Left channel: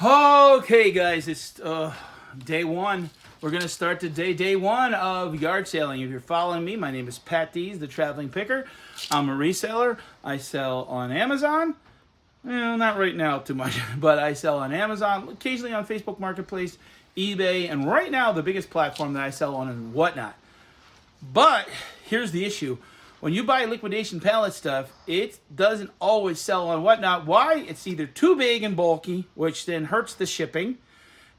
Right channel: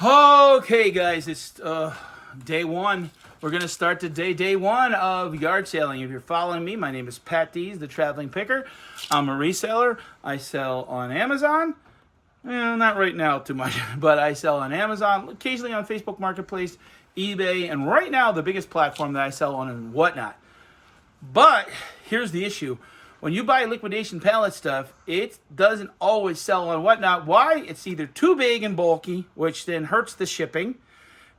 Okay, guys, it's day one. We're going to start day one of yard selling. If you're following me, my name is Patdees, the traveling picker. I'm a reseller. I sell on Amazon. Well, not right now too much, but I sell on Amazon, occasionally on Facebook Marketplace, eBay, and right now the biggest platform that I sell on is Whatnot. But here's the issue. When you buy liquidation pallet stuff, it doesn't always sell on Whatnot. Why? It's either too big and bulky, which then hurts the shipping,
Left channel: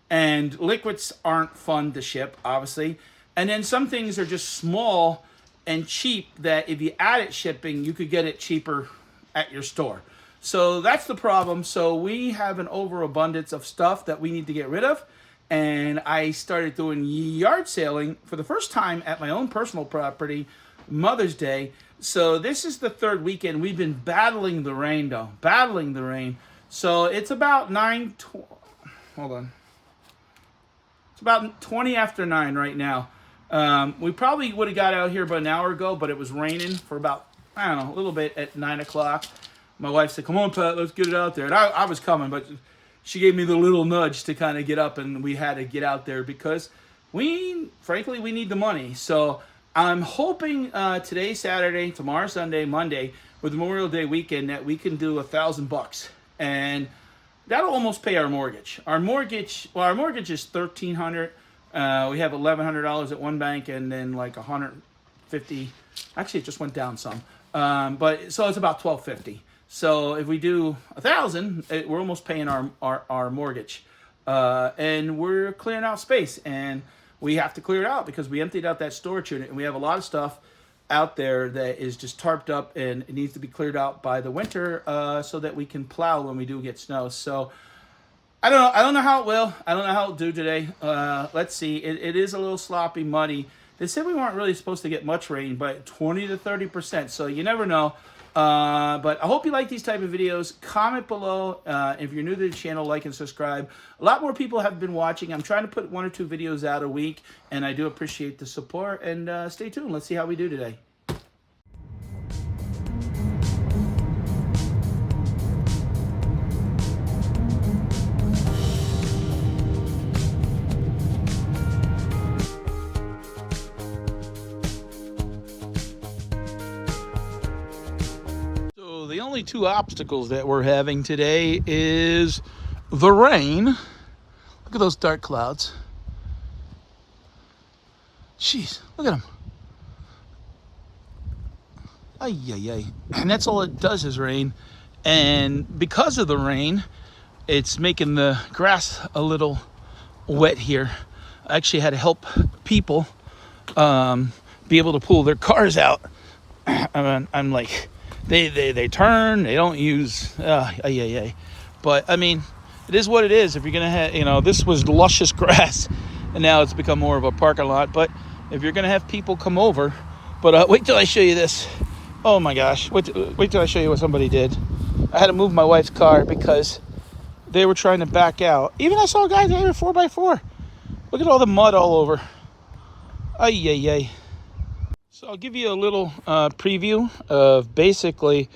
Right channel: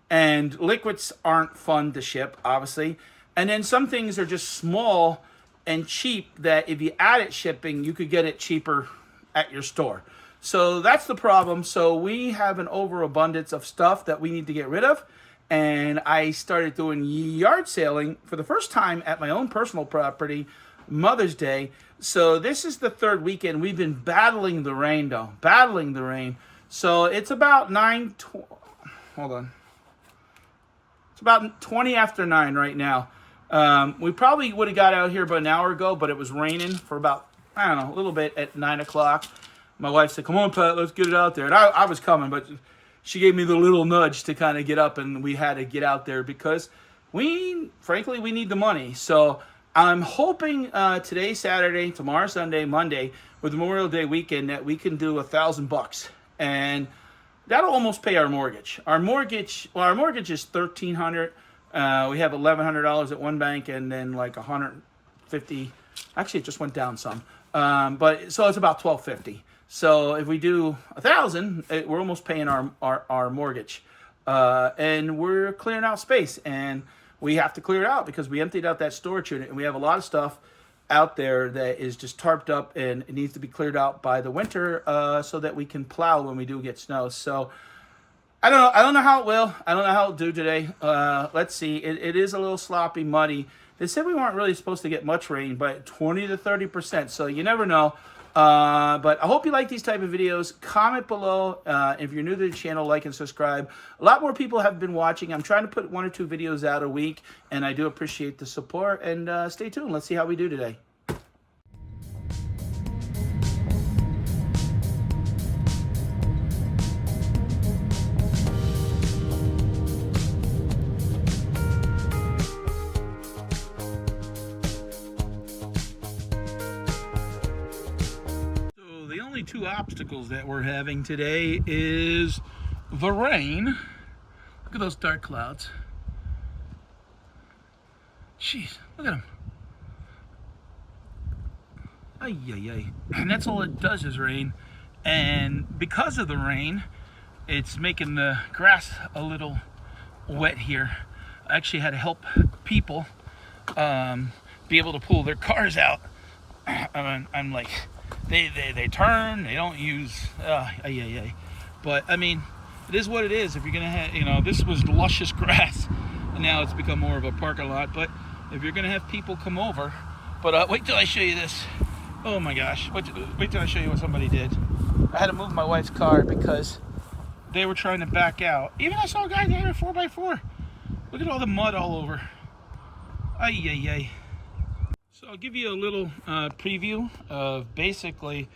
and liquids aren't fun to ship, obviously. And then some things are just small and cheap that if you added shipping, you could get it cheaper at your store. So that's the problem. So we have an overabundance of stuff that we need to get rid of. And I started doing yard selling for the first time at my own personal property, Mother's Day. So this is the third weekend. We've been battling the rain, though. Battling the rain. So it's about hold on. It's about 20 after 9 right now. We probably would have got out here about an hour ago, but it was raining for about, I don't know, a little bit at 9 o'clock. My wife said, "Come on, Pat, let's get it out there." And I was coming, but she gave me the little nudge to kind of get up, and we had to get out there because frankly, we need the money. So I'm hoping today, Saturday, tomorrow, Sunday, Monday, with Memorial Day weekend, that we can do $1,000, and that'll almost pay our mortgage. Our mortgage is $1,300. We have $1,100 at one bank, and then like $150. Actually, it just went down some. But so it's about $1,250. So if we do $1,000, we're almost paying our mortgage, and we're clearing out space, and we have to clear it out because we emptied out that storage unit, and we have a lot of stuff out there that is just tarped up, and it needs to be cleared out by the winter so that we can plow when we do get snow. So I don't know how it will. I don't know how it'll do today. Let's see. It is a little sloppy, muddy. They said we weren't really supposed to get much rain, but 20 to 30%. So you never know. But I hope you like these type of videos. Comment below. If you're new to the channel, like and subscribe. A lot more people have been watching. I'm trying to put 1 or 2 videos out a week, and I do appreciate the support. And stay tuned. Let's see how we do today. The only 2 obstacles that we're having today is the rain. Look at those dark clouds. Jeez, look at them. Ay, ay, ay. And that's all it does is rain. And because of the rain, it's making the grass a little wet here. I actually had to help people be able to pull their cars out. I'm like, they turn, they don't use but I mean, it is what it is. If you're gonna have, this was luscious grass, and now it's become more of a parking lot. But if you're gonna have people come over, but wait till I show you this. Oh my gosh, wait till I show you what somebody did. I had to move my wife's car because they were trying to back out. Even I saw a guy there with 4x4. Look at all the mud all over. Ay, ay, ay. So I'll give you a little preview of basically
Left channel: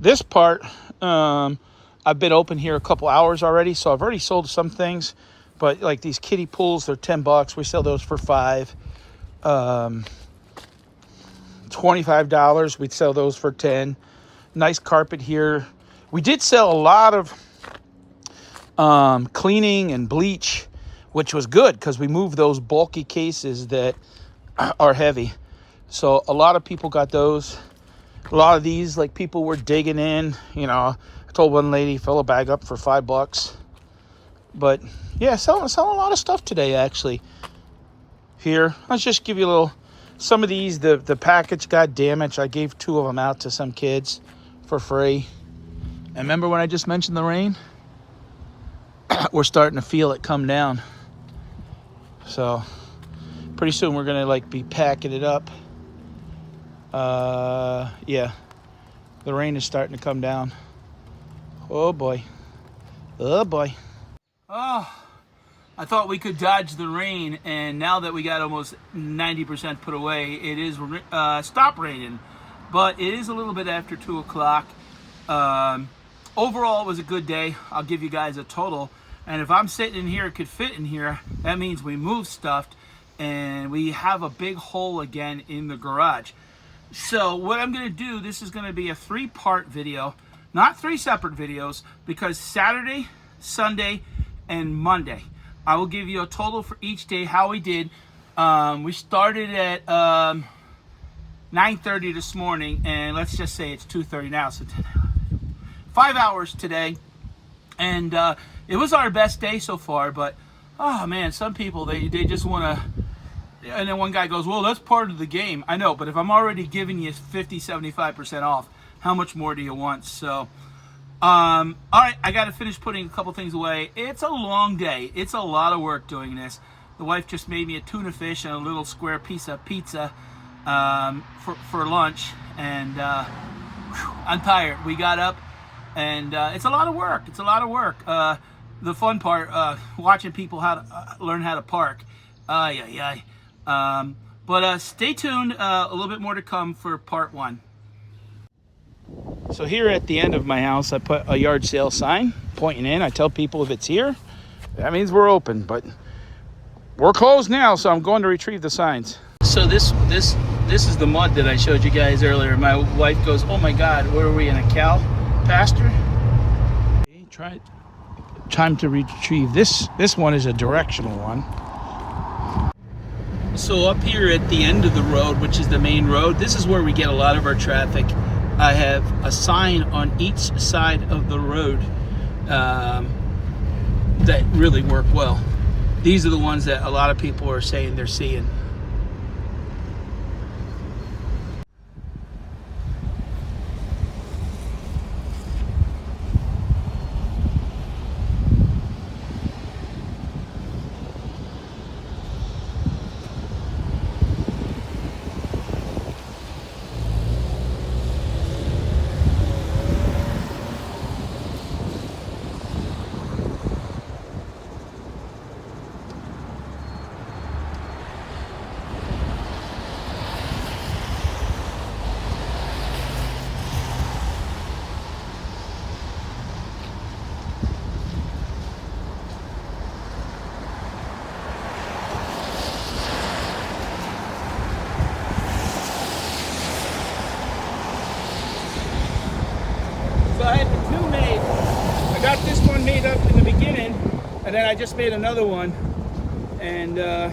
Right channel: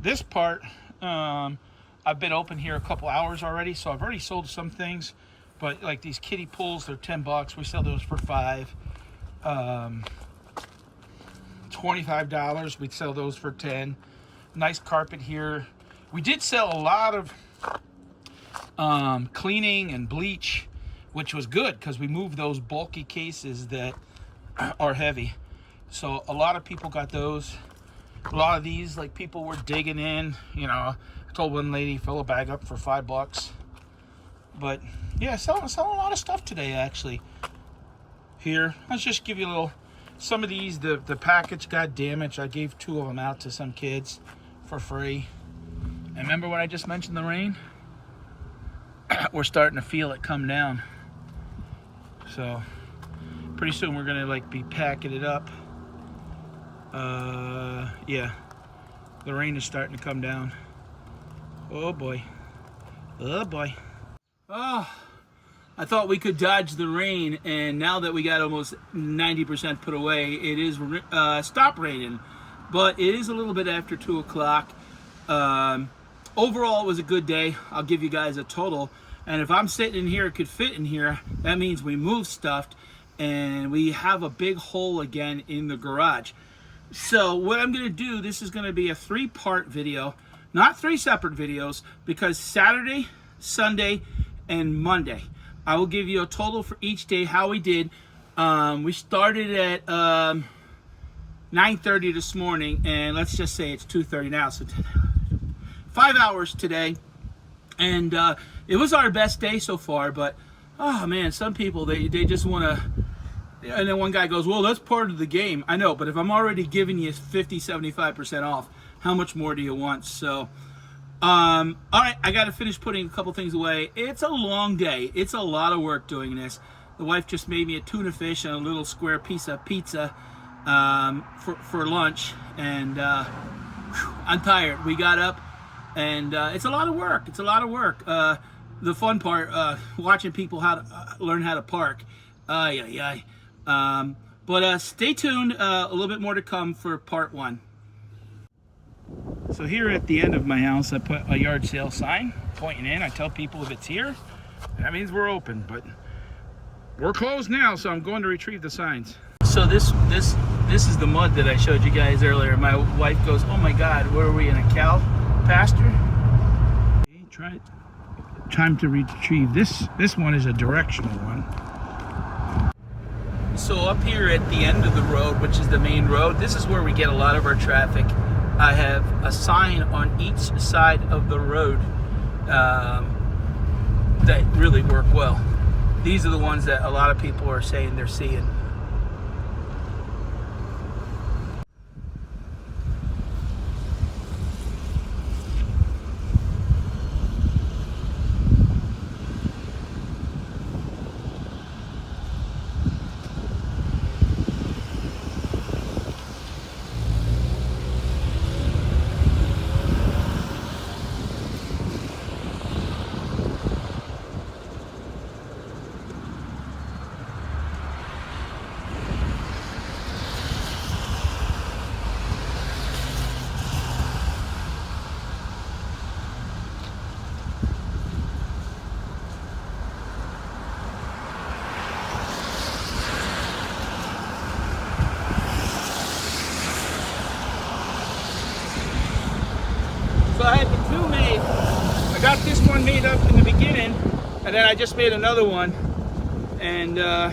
this part. I've been open here a couple hours already, so I've already sold some things. But like these kiddie pools, they're $10. We sell those for $5. $25. We'd sell those for $10. Nice carpet here. We did sell a lot of cleaning and bleach, which was good because we moved those bulky cases that are heavy. So a lot of people got those. A lot of these, like, people were digging in. I told one lady, fill a bag up for $5. But yeah, selling a lot of stuff today, actually. Here, let's just give you a little. Some of these, the package got damaged. I gave 2 of them out to some kids for free. And remember when I just mentioned the rain? We're starting to feel it come down. So pretty soon we're gonna be packing it up. Yeah, the rain is starting to come down. Oh boy. Oh boy. Oh, I thought we could dodge the rain, and now that we got almost 90% put away, it is stopped raining. But it is a little bit after 2 o'clock. Overall, it was a good day. I'll give you guys a total. And if I'm sitting in here, it could fit in here. That means we move stuff and we have a big hole again in the garage. So what I'm going to do, this is going to be a 3-part video, not 3 separate videos, because Saturday, Sunday, and Monday, I will give you a total for each day, how we did. We started at 9:30 this morning, and let's just say it's 2:30 now, so 5 hours today. And it was our best day so far, but oh man, some people, they just want to. And then one guy goes, well, that's part of the game. I know, but if I'm already giving you 50-75% off, how much more do you want? So all right, I got to finish putting a couple things away. It's a long day. It's a lot of work doing this. The wife just made me a tuna fish and a little square piece of pizza for lunch, and I'm tired. We got up, and it's a lot of work. It's a lot of work. The fun part, watching people learn how to park. But stay tuned. A little bit more to come for part 1. So here at the end of my house, I put a yard sale sign pointing in. I tell people if it's here, that means we're open, but we're closed now, so I'm going to retrieve the signs. So this is the mud that I showed you guys earlier. My wife goes, oh my God, where are we, in a cow pasture? Okay, try it. Time to retrieve this. This one is a directional one. So up here at the end of the road, which is the main road, this is where we get a lot of our traffic. I have a sign on each side of the road that really work well. These are the ones that a lot of people are saying they're seeing. So I had the 2 made. I got this one made up in the beginning, and then I just made another one. And I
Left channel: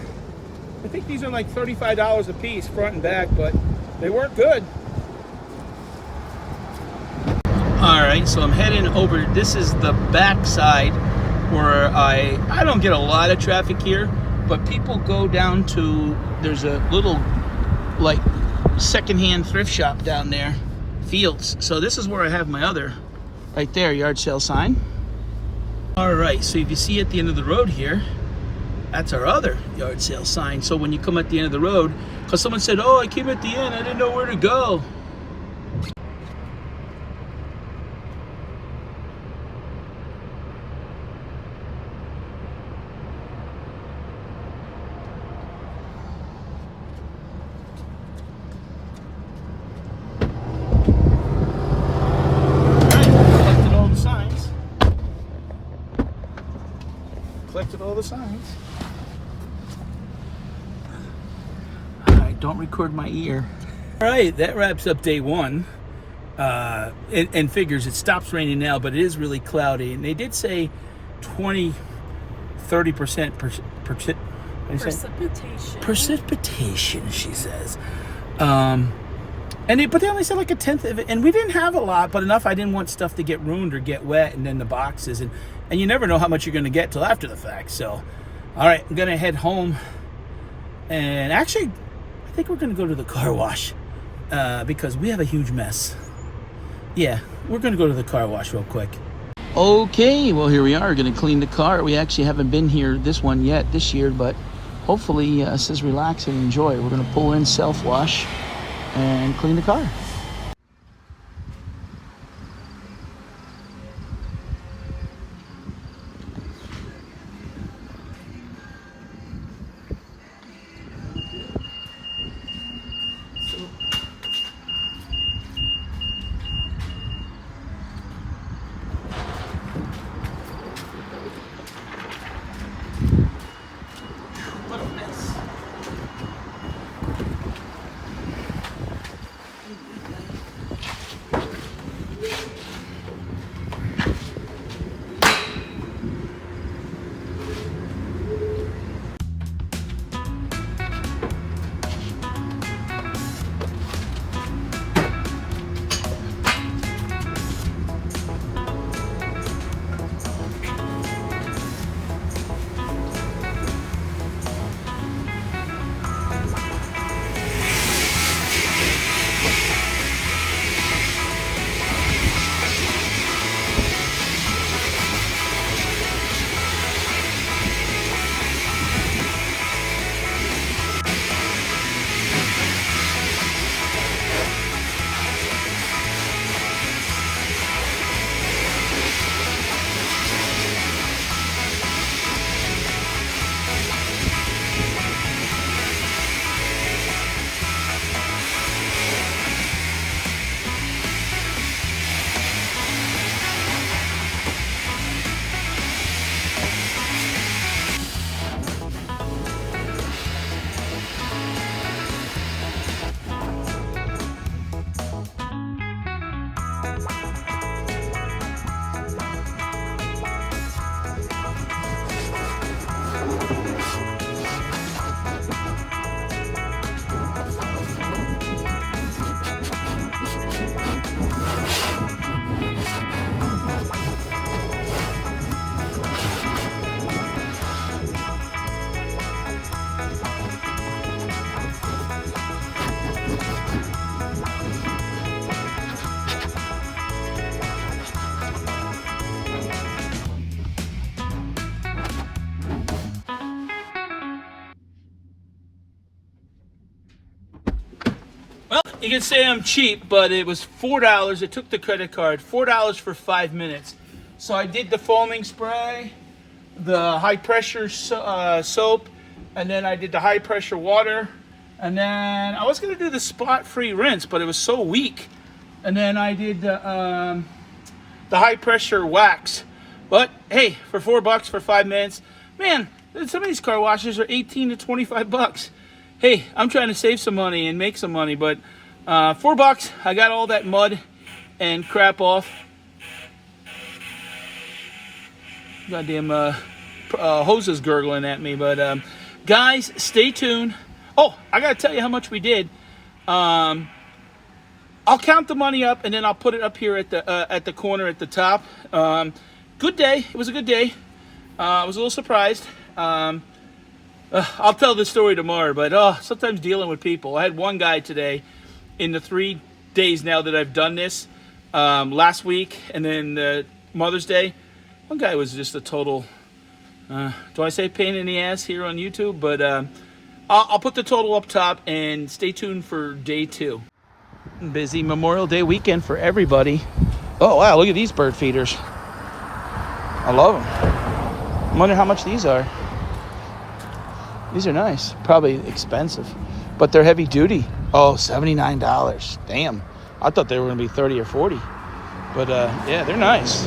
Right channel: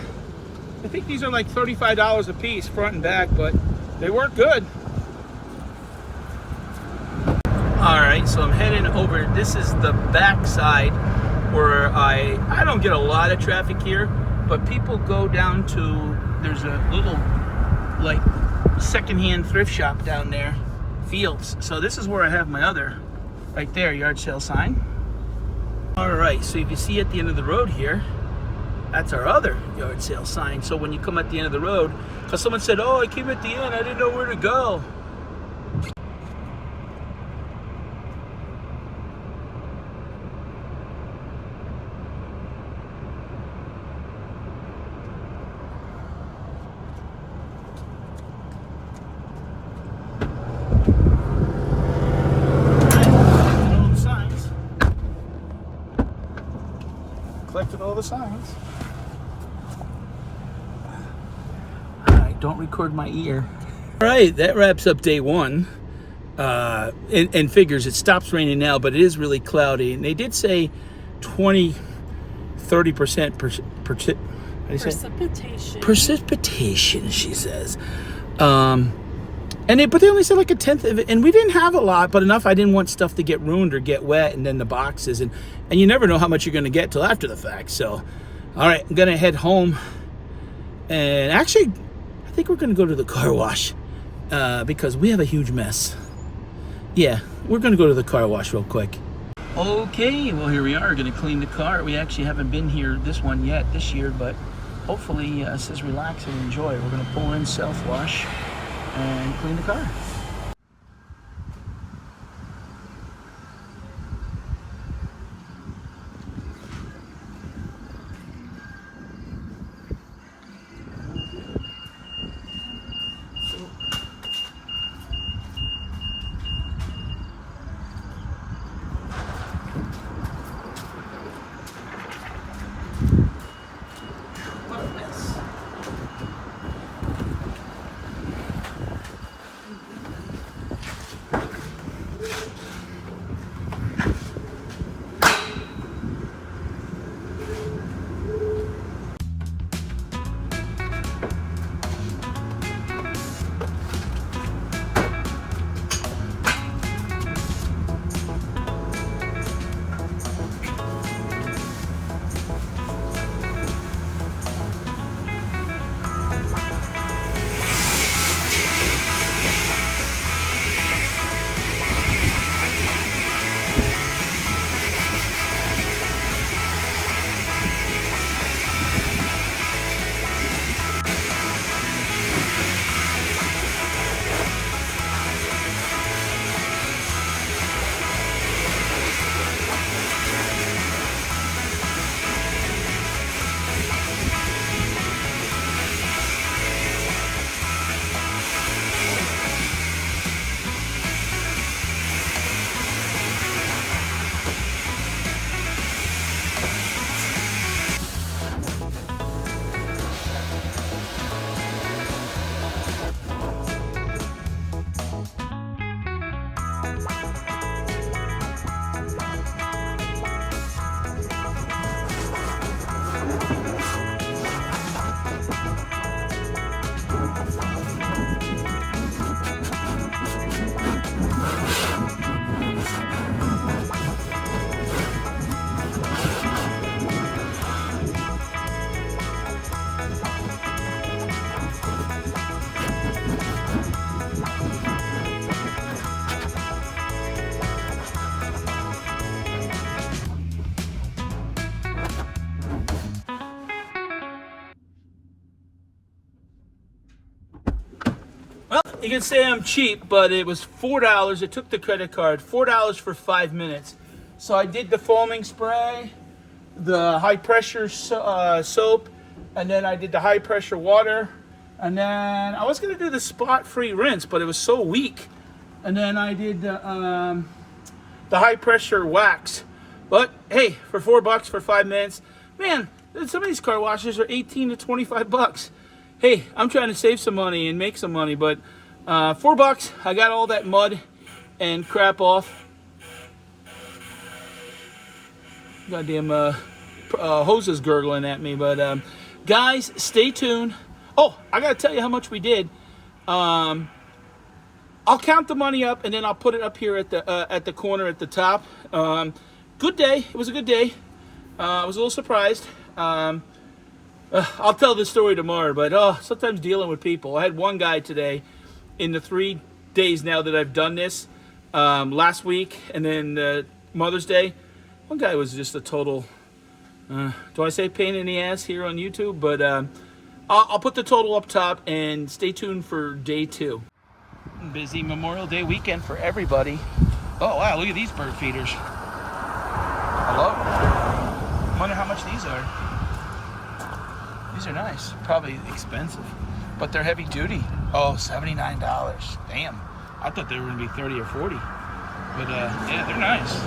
think these are like $35 a piece, front and back, but they work good. All right, so I'm heading over. This is the back side where I don't get a lot of traffic here, but people go down to, there's a little like secondhand thrift shop down there. Fields. So this is where I have my other, right there, yard sale sign. All right, so if you see at the end of the road here, that's our other yard sale sign. So when you come at the end of the road, because someone said, oh, I came at the end, I didn't know where to go. Collected all the signs. All right, don't record my ear. All right, that wraps up day 1. And figures, it stops raining now, but it is really cloudy. And they did say 20-30% precipitation, she says. But they only said like 1/10 of it, and we didn't have a lot, but enough I didn't want stuff to get ruined or get wet, and then the boxes, and you never know how much you're going to get till after the fact. So, all right, I'm going to head home, and actually, I think we're going to go to the car wash because we have a huge mess. Yeah, we're going to go to the car wash real quick. Okay, well, here we are, going to clean the car. We actually haven't been here this year, but hopefully it says relax and enjoy. We're going to pull in, self-wash, and clean the car. You can say I'm cheap, but it was $4. It took the credit card. $4 for 5 minutes. So I did the foaming spray, the high pressure soap, and then I did the high pressure water. And then I was going to do the spot free rinse, but it was so weak. And then I did the high pressure wax. But hey, for $4 for 5 minutes, man, some of these car washes are 18 to 25 bucks. Hey, I'm trying to save some money and make some money, but $4, I got all that mud and crap off. Goddamn hoses gurgling at me, but guys, stay tuned. Oh, I gotta tell you how much we did. I'll count the money up and then I'll put it up here at the corner at the top. Good day. It was a good day. I was a little surprised. I'll tell this story tomorrow, but sometimes dealing with people. I had one guy today in the 3 days now that I've done this, last week and then Mother's Day. One guy was just a total, do I say pain in the ass here on YouTube? But I'll put the total up top and stay tuned for day 2. Busy Memorial Day weekend for everybody. Oh, wow, look at these bird feeders. I love them. I wonder how much these are. These are nice. Probably expensive, but they're heavy duty. Oh, $79. Damn. I thought they were going to be 30 or 40. But yeah, they're nice.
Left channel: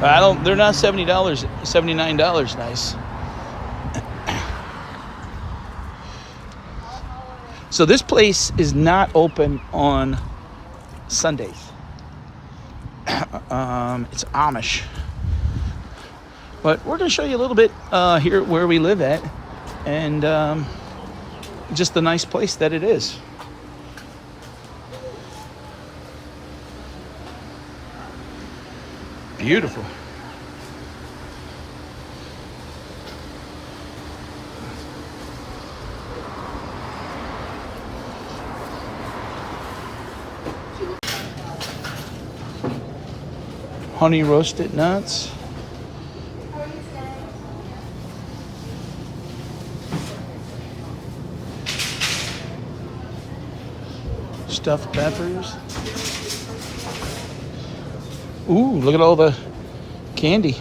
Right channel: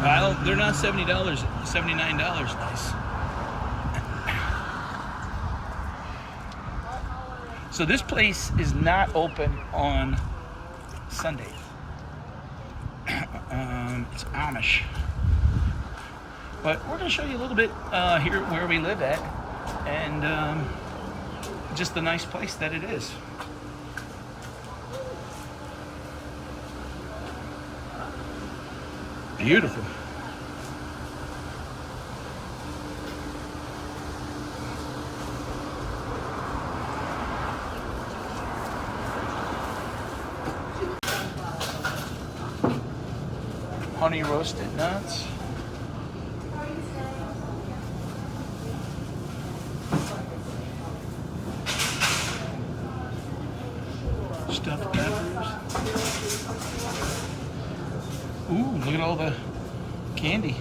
They're not $70, $79 nice. So this place is not open on Sundays. It's Amish. But we're going to show you a little bit here where we live at, and just the nice place that it is. Beautiful. Honey roasted nuts. Stuffed peppers. Ooh, look at all the candy.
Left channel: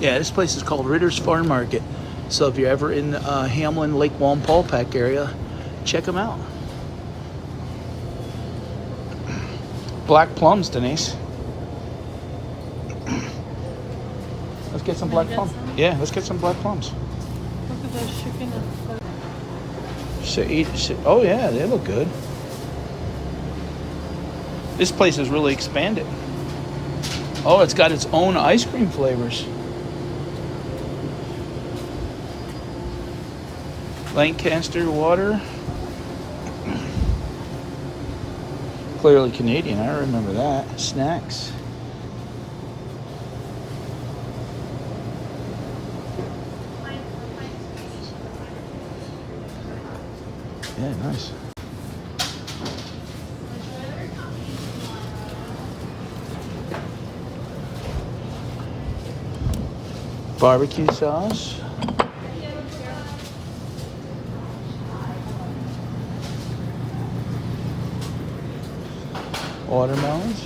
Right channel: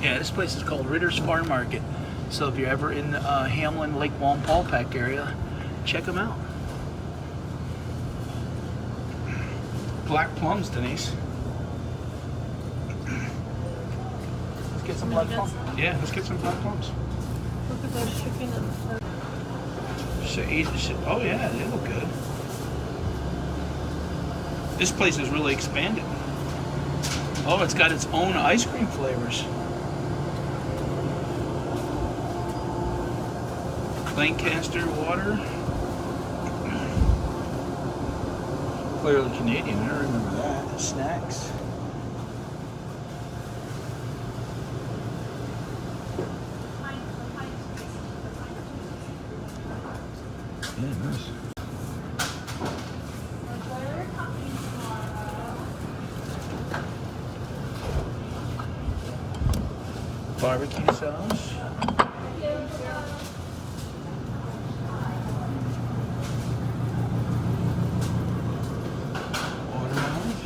Yeah, this place is called Ritter's Farm Market. So if you're ever in the Hamlin, Lake Wallenpaupack area, check them out. Black plums, Denise. Let's get some black plums. Yeah, let's get some black plums. Look at those chicken and oh yeah, they look good. This place is really expanded. Oh, it's got its own ice cream flavors. Lancaster water. Clearly Canadian, I remember that. Snacks. Yeah, nice. Barbecue sauce. Watermelons.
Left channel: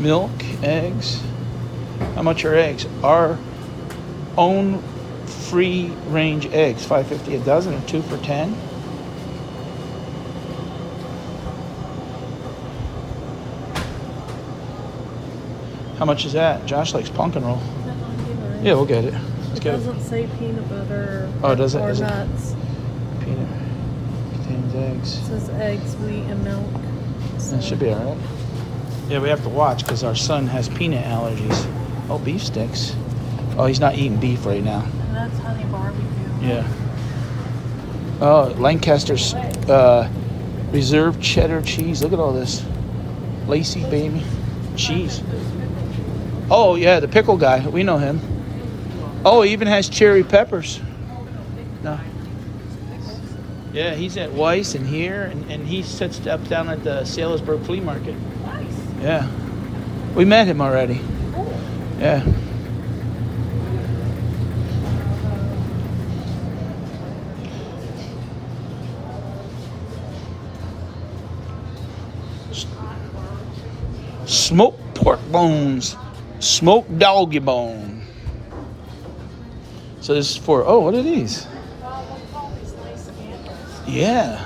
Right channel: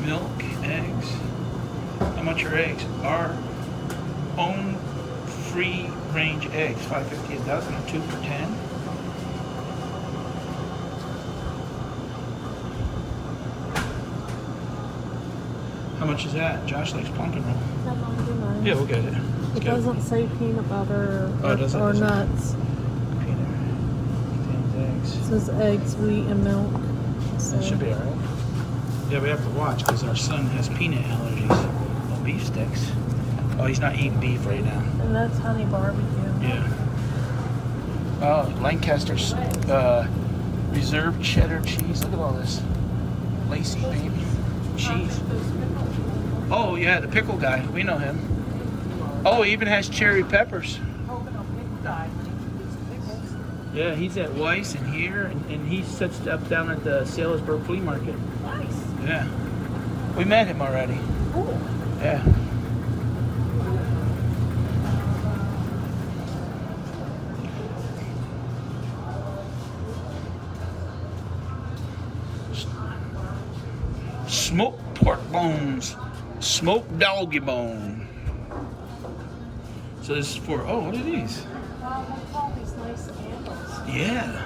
Milk, eggs. How much are eggs? Our own free range eggs, $5.50 a dozen, or 2 for $10. How much is that? Josh likes pumpkin roll. Yeah, we'll get it. It doesn't say peanut butter or nuts. Peanut contains eggs. It says eggs, wheat, and milk. So. That should be alright. Yeah, we have to watch because our son has peanut allergies. Oh, beef sticks. Oh, he's not eating beef right now. And that's honey barbecue. Yeah. Oh, Lancaster's reserve cheddar cheese. Look at all this. Lacy baby cheese. Oh, yeah, the pickle guy. We know him. Oh, he even has cherry peppers. No. Yeah, he's at Weiss and here, and he sets up down at the Salisbury Flea Market. Nice. Yeah. We met him already. Oh. Yeah. Smoked pork bones. Smoked doggy bone. So this is for, oh, what are these? They call these nice candles. Yeah.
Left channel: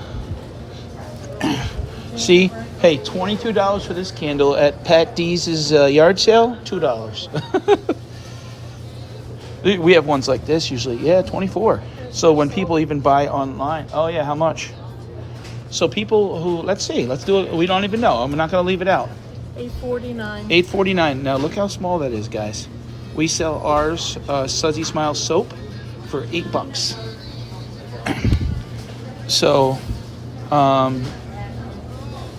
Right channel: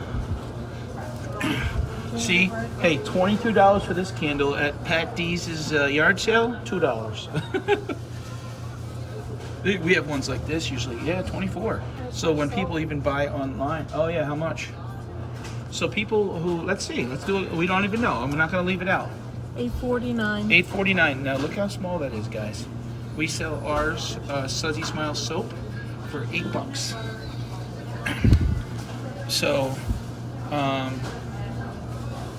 See, hey, $22 for this candle at Patdees' yard sale, $2. We have ones like this usually. Yeah, 24. So when people even buy online, oh yeah, how much? So people who, let's see, let's do it. We don't even know. I'm not going to leave it out. $8.49. $8.49. Now look how small that is, guys. We sell ours, Sudsy Smile soap, for $8. So,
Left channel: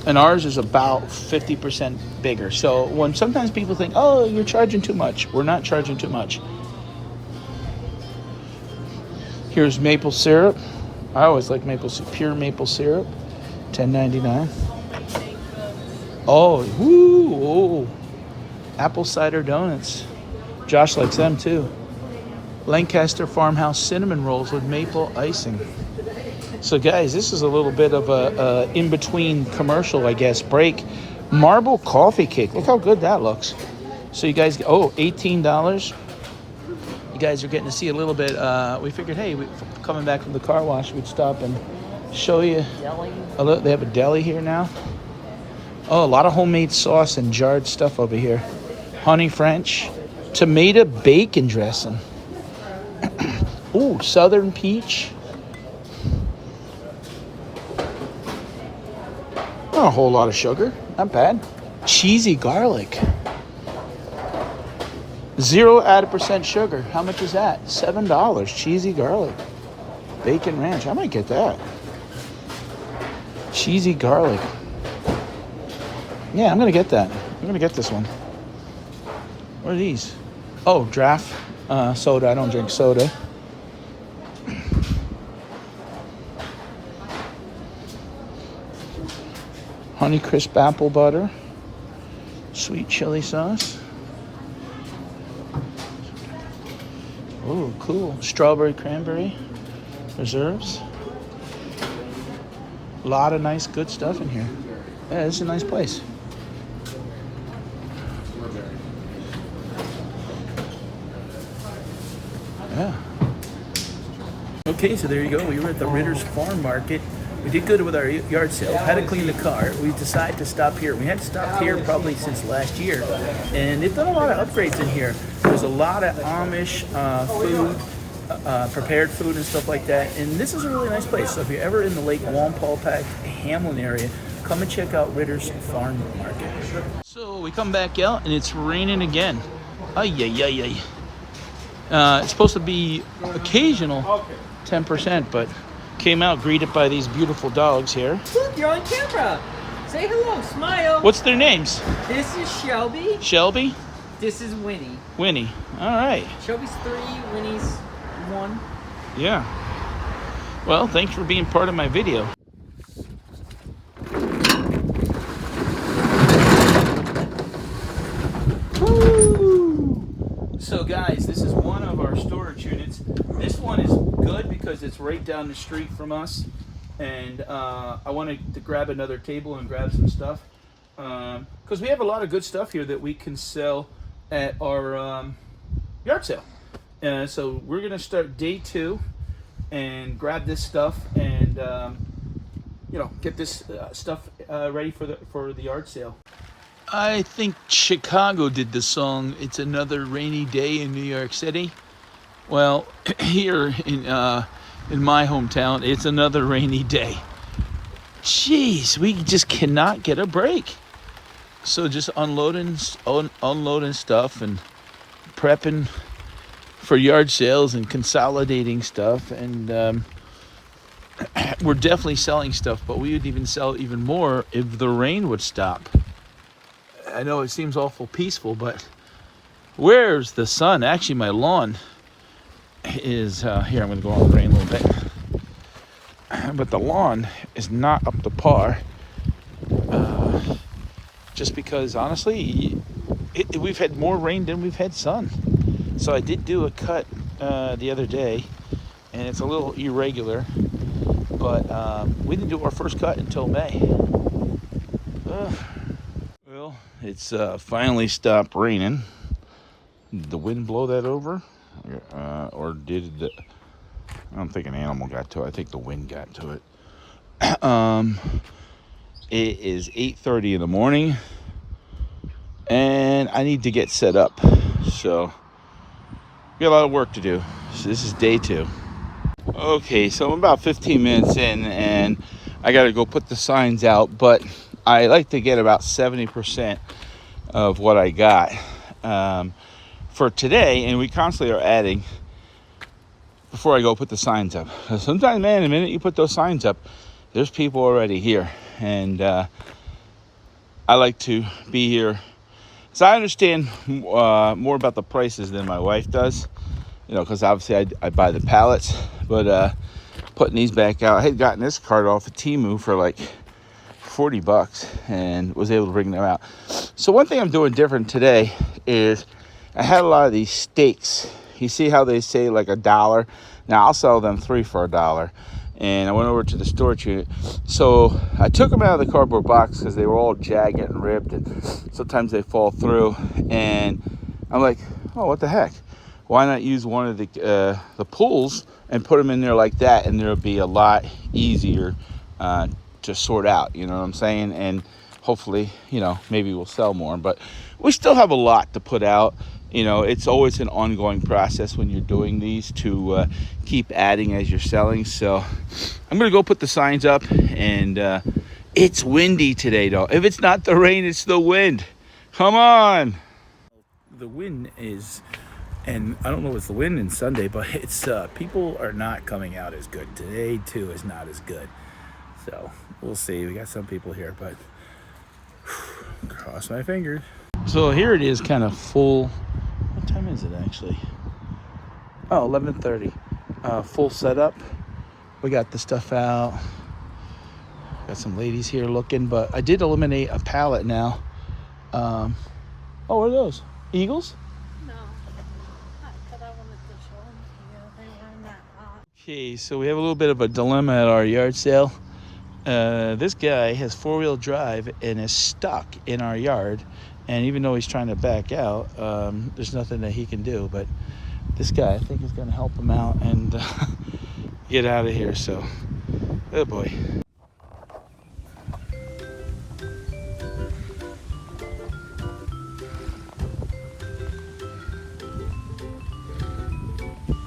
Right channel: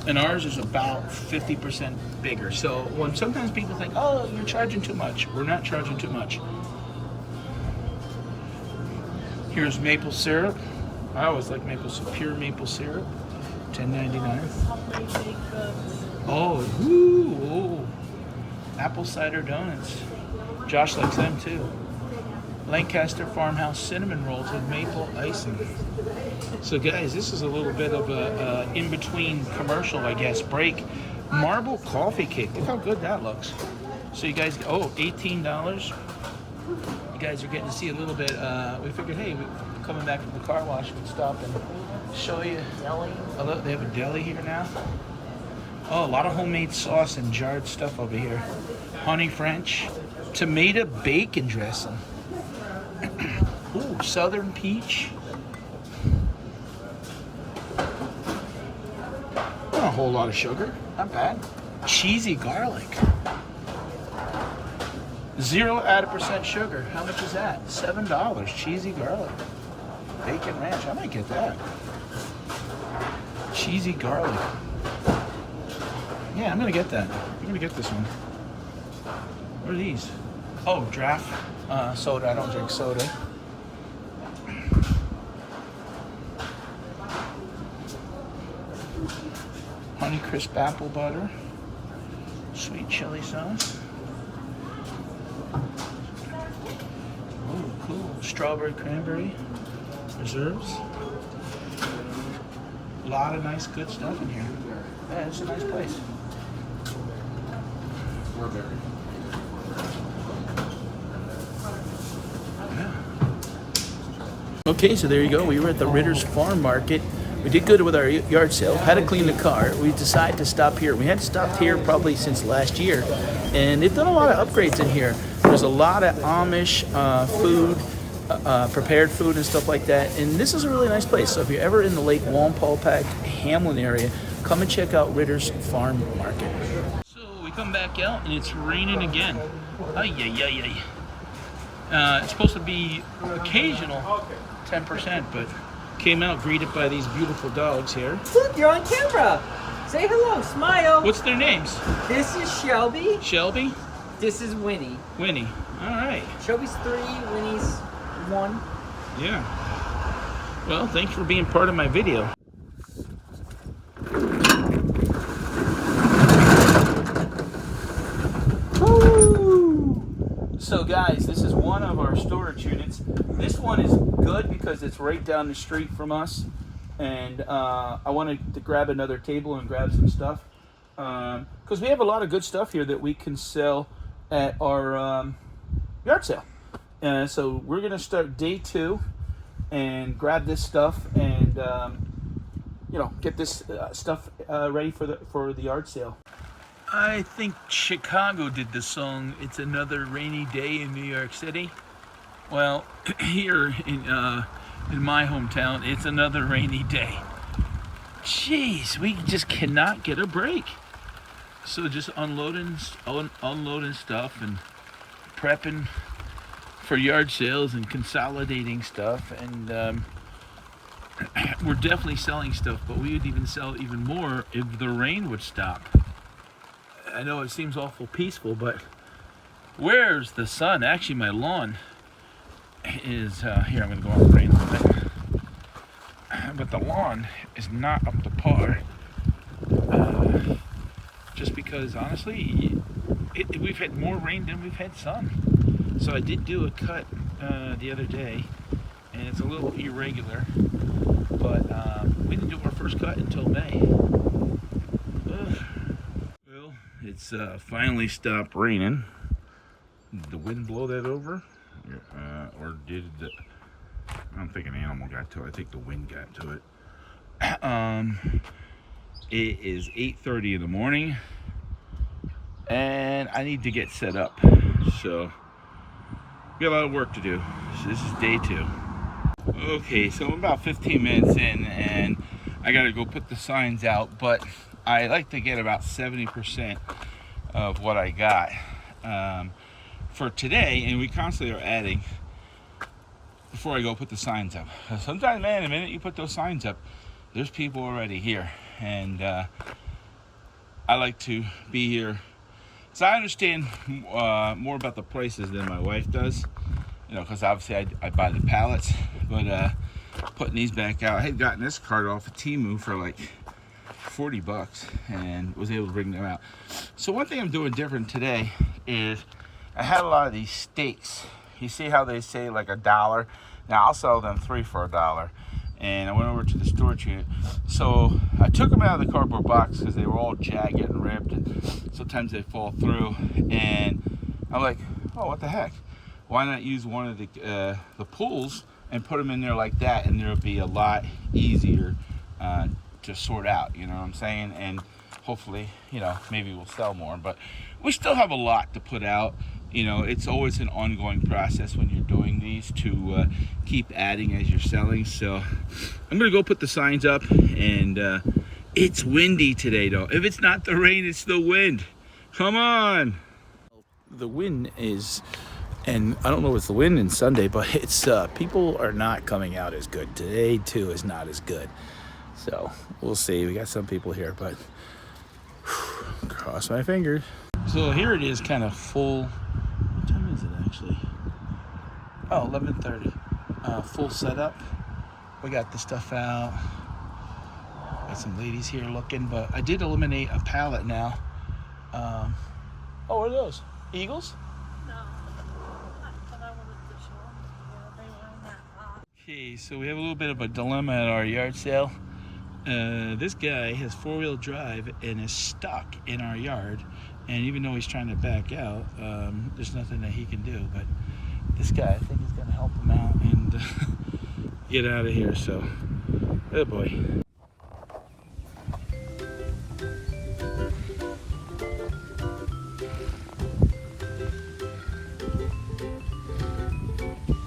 and ours is about 50% bigger. So when sometimes people think, oh, you're charging too much, we're not charging too much. Here's maple syrup. I always like maple syrup, pure maple syrup, $10.99. Oh, woo! Apple cider donuts. Josh likes them too. Lancaster Farmhouse cinnamon rolls with maple icing. So guys, this is a little bit of a in-between commercial, I guess, break. Marble coffee cake. Look how good that looks. So you guys, oh, $18. You guys are getting to see a little bit. We figured, hey, coming back from the car wash, we'd stop and show you. They have a deli here now. Oh, a lot of homemade sauce and jarred stuff over here. Honey French, tomato bacon dressing. Ooh, southern peach. Not a whole lot of sugar, not bad. Cheesy garlic. 0 added percent sugar. How much is that? $7. Cheesy garlic. Bacon ranch. I might get that. Cheesy garlic. Yeah, I'm gonna get that. I'm gonna get this one. What are these? Oh, draft soda. I don't drink soda. Honey crisp apple butter. Sweet chili sauce. Ooh, cool. Strawberry cranberry reserves. A lot of nice good stuff in here. Yeah, this is a nice place. Yeah. Okay, so there you go. We were at the Ritter's Farm Market. We did good with our yard sale. Had to clean the car. We decided to stop here. We hadn't stopped here probably since last year, and they've done a lot of upgrades in here. There's a lot of Amish food, prepared food and stuff like that. And this is a really nice place. So if you're ever in the Lake Wallenpaupack, Hamlin area, come and check out Ritter's Farm Market. So we come back out and it's raining again. Ay, ay, ay, ay. It's supposed to be occasional 10%, but came out greeted by these beautiful dogs here. Look, you're on camera. Say hello, smile. What's their names? This is Shelby. Shelby? This is Winnie. Winnie. All right. Shelby's 3, Winnie's 1. Yeah. Well, thanks for being part of my video. So guys, this is one of our storage units. This one is good because it's right down the street from us, and I wanted to grab another table and grab some stuff because we have a lot of good stuff here that we can sell at our yard sale. So we're gonna start day 2 and grab this stuff and get this stuff ready for the yard sale. I think Chicago did the song "It's Another Rainy Day in New York City." Well, here in my hometown, it's another rainy day. Jeez, we just cannot get a break. So just unloading stuff and prepping for yard sales and consolidating stuff, and we're definitely selling stuff, but we would even sell even more if the rain would stop. I know it seems awful peaceful, but where's the sun? Actually, my lawn is here. I'm going to go on the rain a little bit, but the lawn is not up to par. just because honestly, we've had more rain than we've had sun. So I did do a cut the other day, and it's a little irregular, but we didn't do our first cut until May. Well, it's finally stopped raining. Did the wind blow that over? Or did the... I don't think an animal got to it. I think the wind got to it. It is 8:30 in the morning, and I need to get set up. So, we got a lot of work to do. So this is day 2. Okay, so I'm about 15 minutes in, and I got to go put the signs out, but I like to get about 70% of what I got for today, and we constantly are adding before I go put the signs up. Sometimes, man, the minute you put those signs up, there's people already here, and I like to be here. So I understand more about the prices than my wife does, you know, because obviously I buy the pallets, but putting these back out, I had gotten this cart off of Temu for like $40 and was able to bring them out. So one thing I'm doing different today is I had a lot of these steaks. You see how they say like $1? Now I'll sell them 3 for $1. And I went over to the storage unit. So I took them out of the cardboard box because they were all jagged and ripped, and sometimes they fall through. And I'm like, oh, what the heck? Why not use one of the pools and put them in there like that, and there'll be a lot easier to sort out, you know what I'm saying? And hopefully, you know, maybe we'll sell more. But we still have a lot to put out. You know, it's always an ongoing process when you're doing these to keep adding as you're selling. So I'm gonna go put the signs up, and it's windy today though. If it's not the rain, it's the wind. Come on. The wind is, and I don't know if it's the wind in Sunday, but it's people are not coming out as good. Today too is not as good. So we'll see. We got some people here, but cross my fingers. So here it is, kind of full. What time is it actually? Oh, 11:30. Full setup. We got the stuff out. Got some ladies here looking, but I did eliminate a pallet now. Oh, what are those? Eagles? No, but I wanted to show them to you. They were in that box. Okay, so we have a little bit of a dilemma at our yard sale. This guy has 4-wheel drive and is stuck in our yard. And even though he's trying to back out, there's nothing that he can do. But this guy, I think, is going to help him out and get out of here. So, oh boy.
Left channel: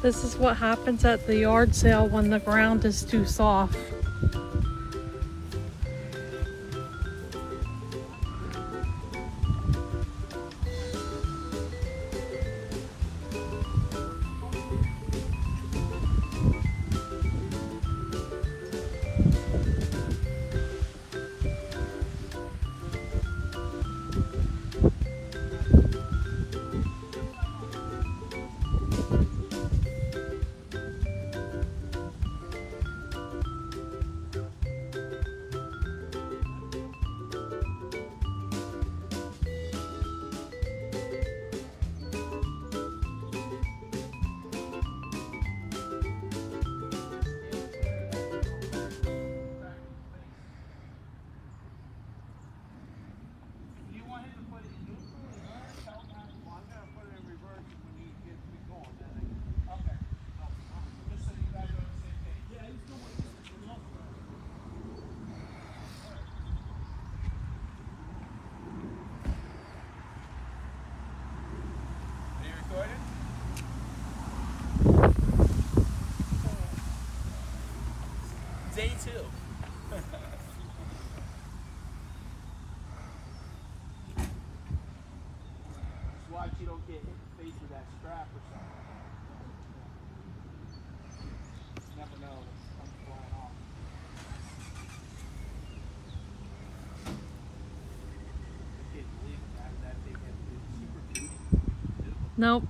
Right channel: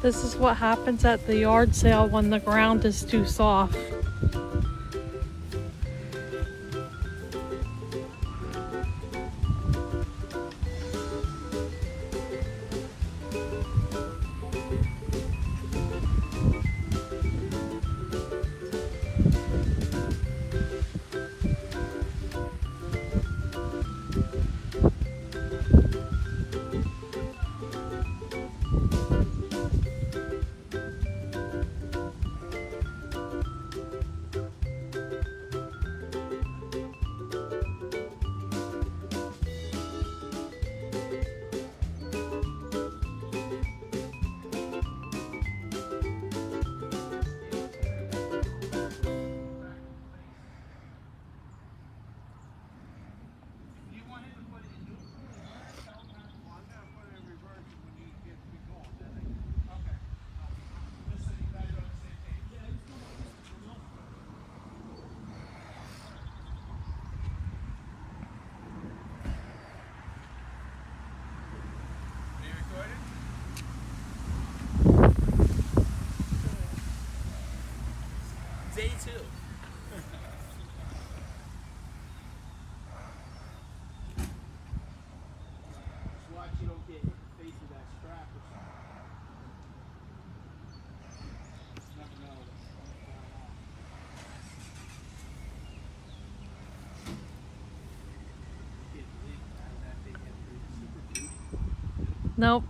This is what happens at the yard sale when the ground is too soft. Day 2. Watch you don't get faced with that strap or something. You never know what's flying off. Nope.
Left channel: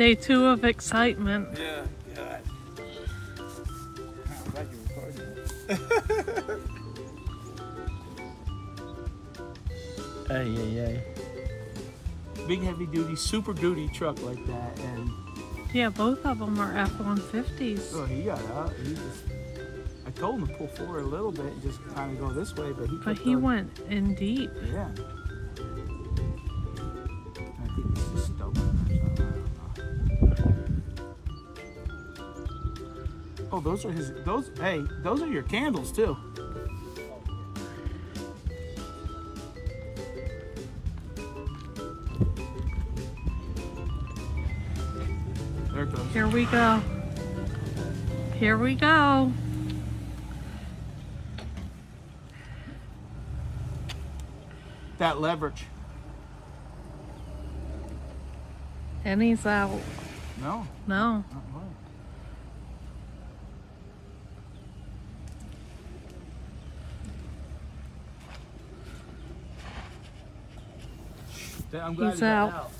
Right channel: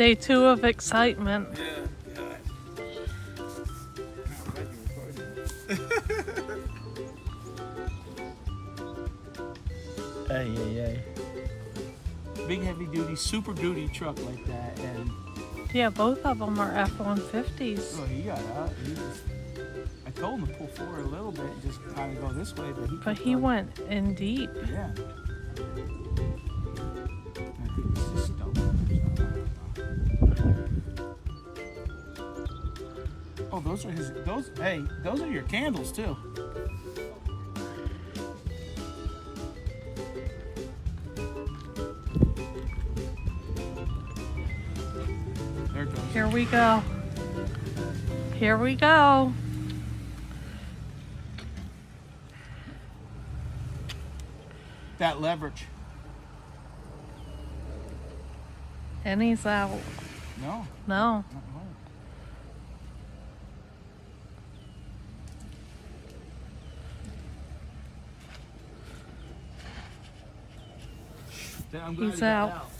Day 2 of excitement. Yeah, God. Ay, ay, ay. Big heavy duty, super duty truck like that, and Yeah, both of them are F-150s. well, he got out. I told him to pull forward a little bit and just kind of go this way, but he But kept he going. went in deep. Yeah. I think this is stubborn. Oh, those are his. Hey, those are your candles too. There it goes. Here we go. Here we go. That leverage. And he's out. No. No. Not much. I'm glad He's he got out.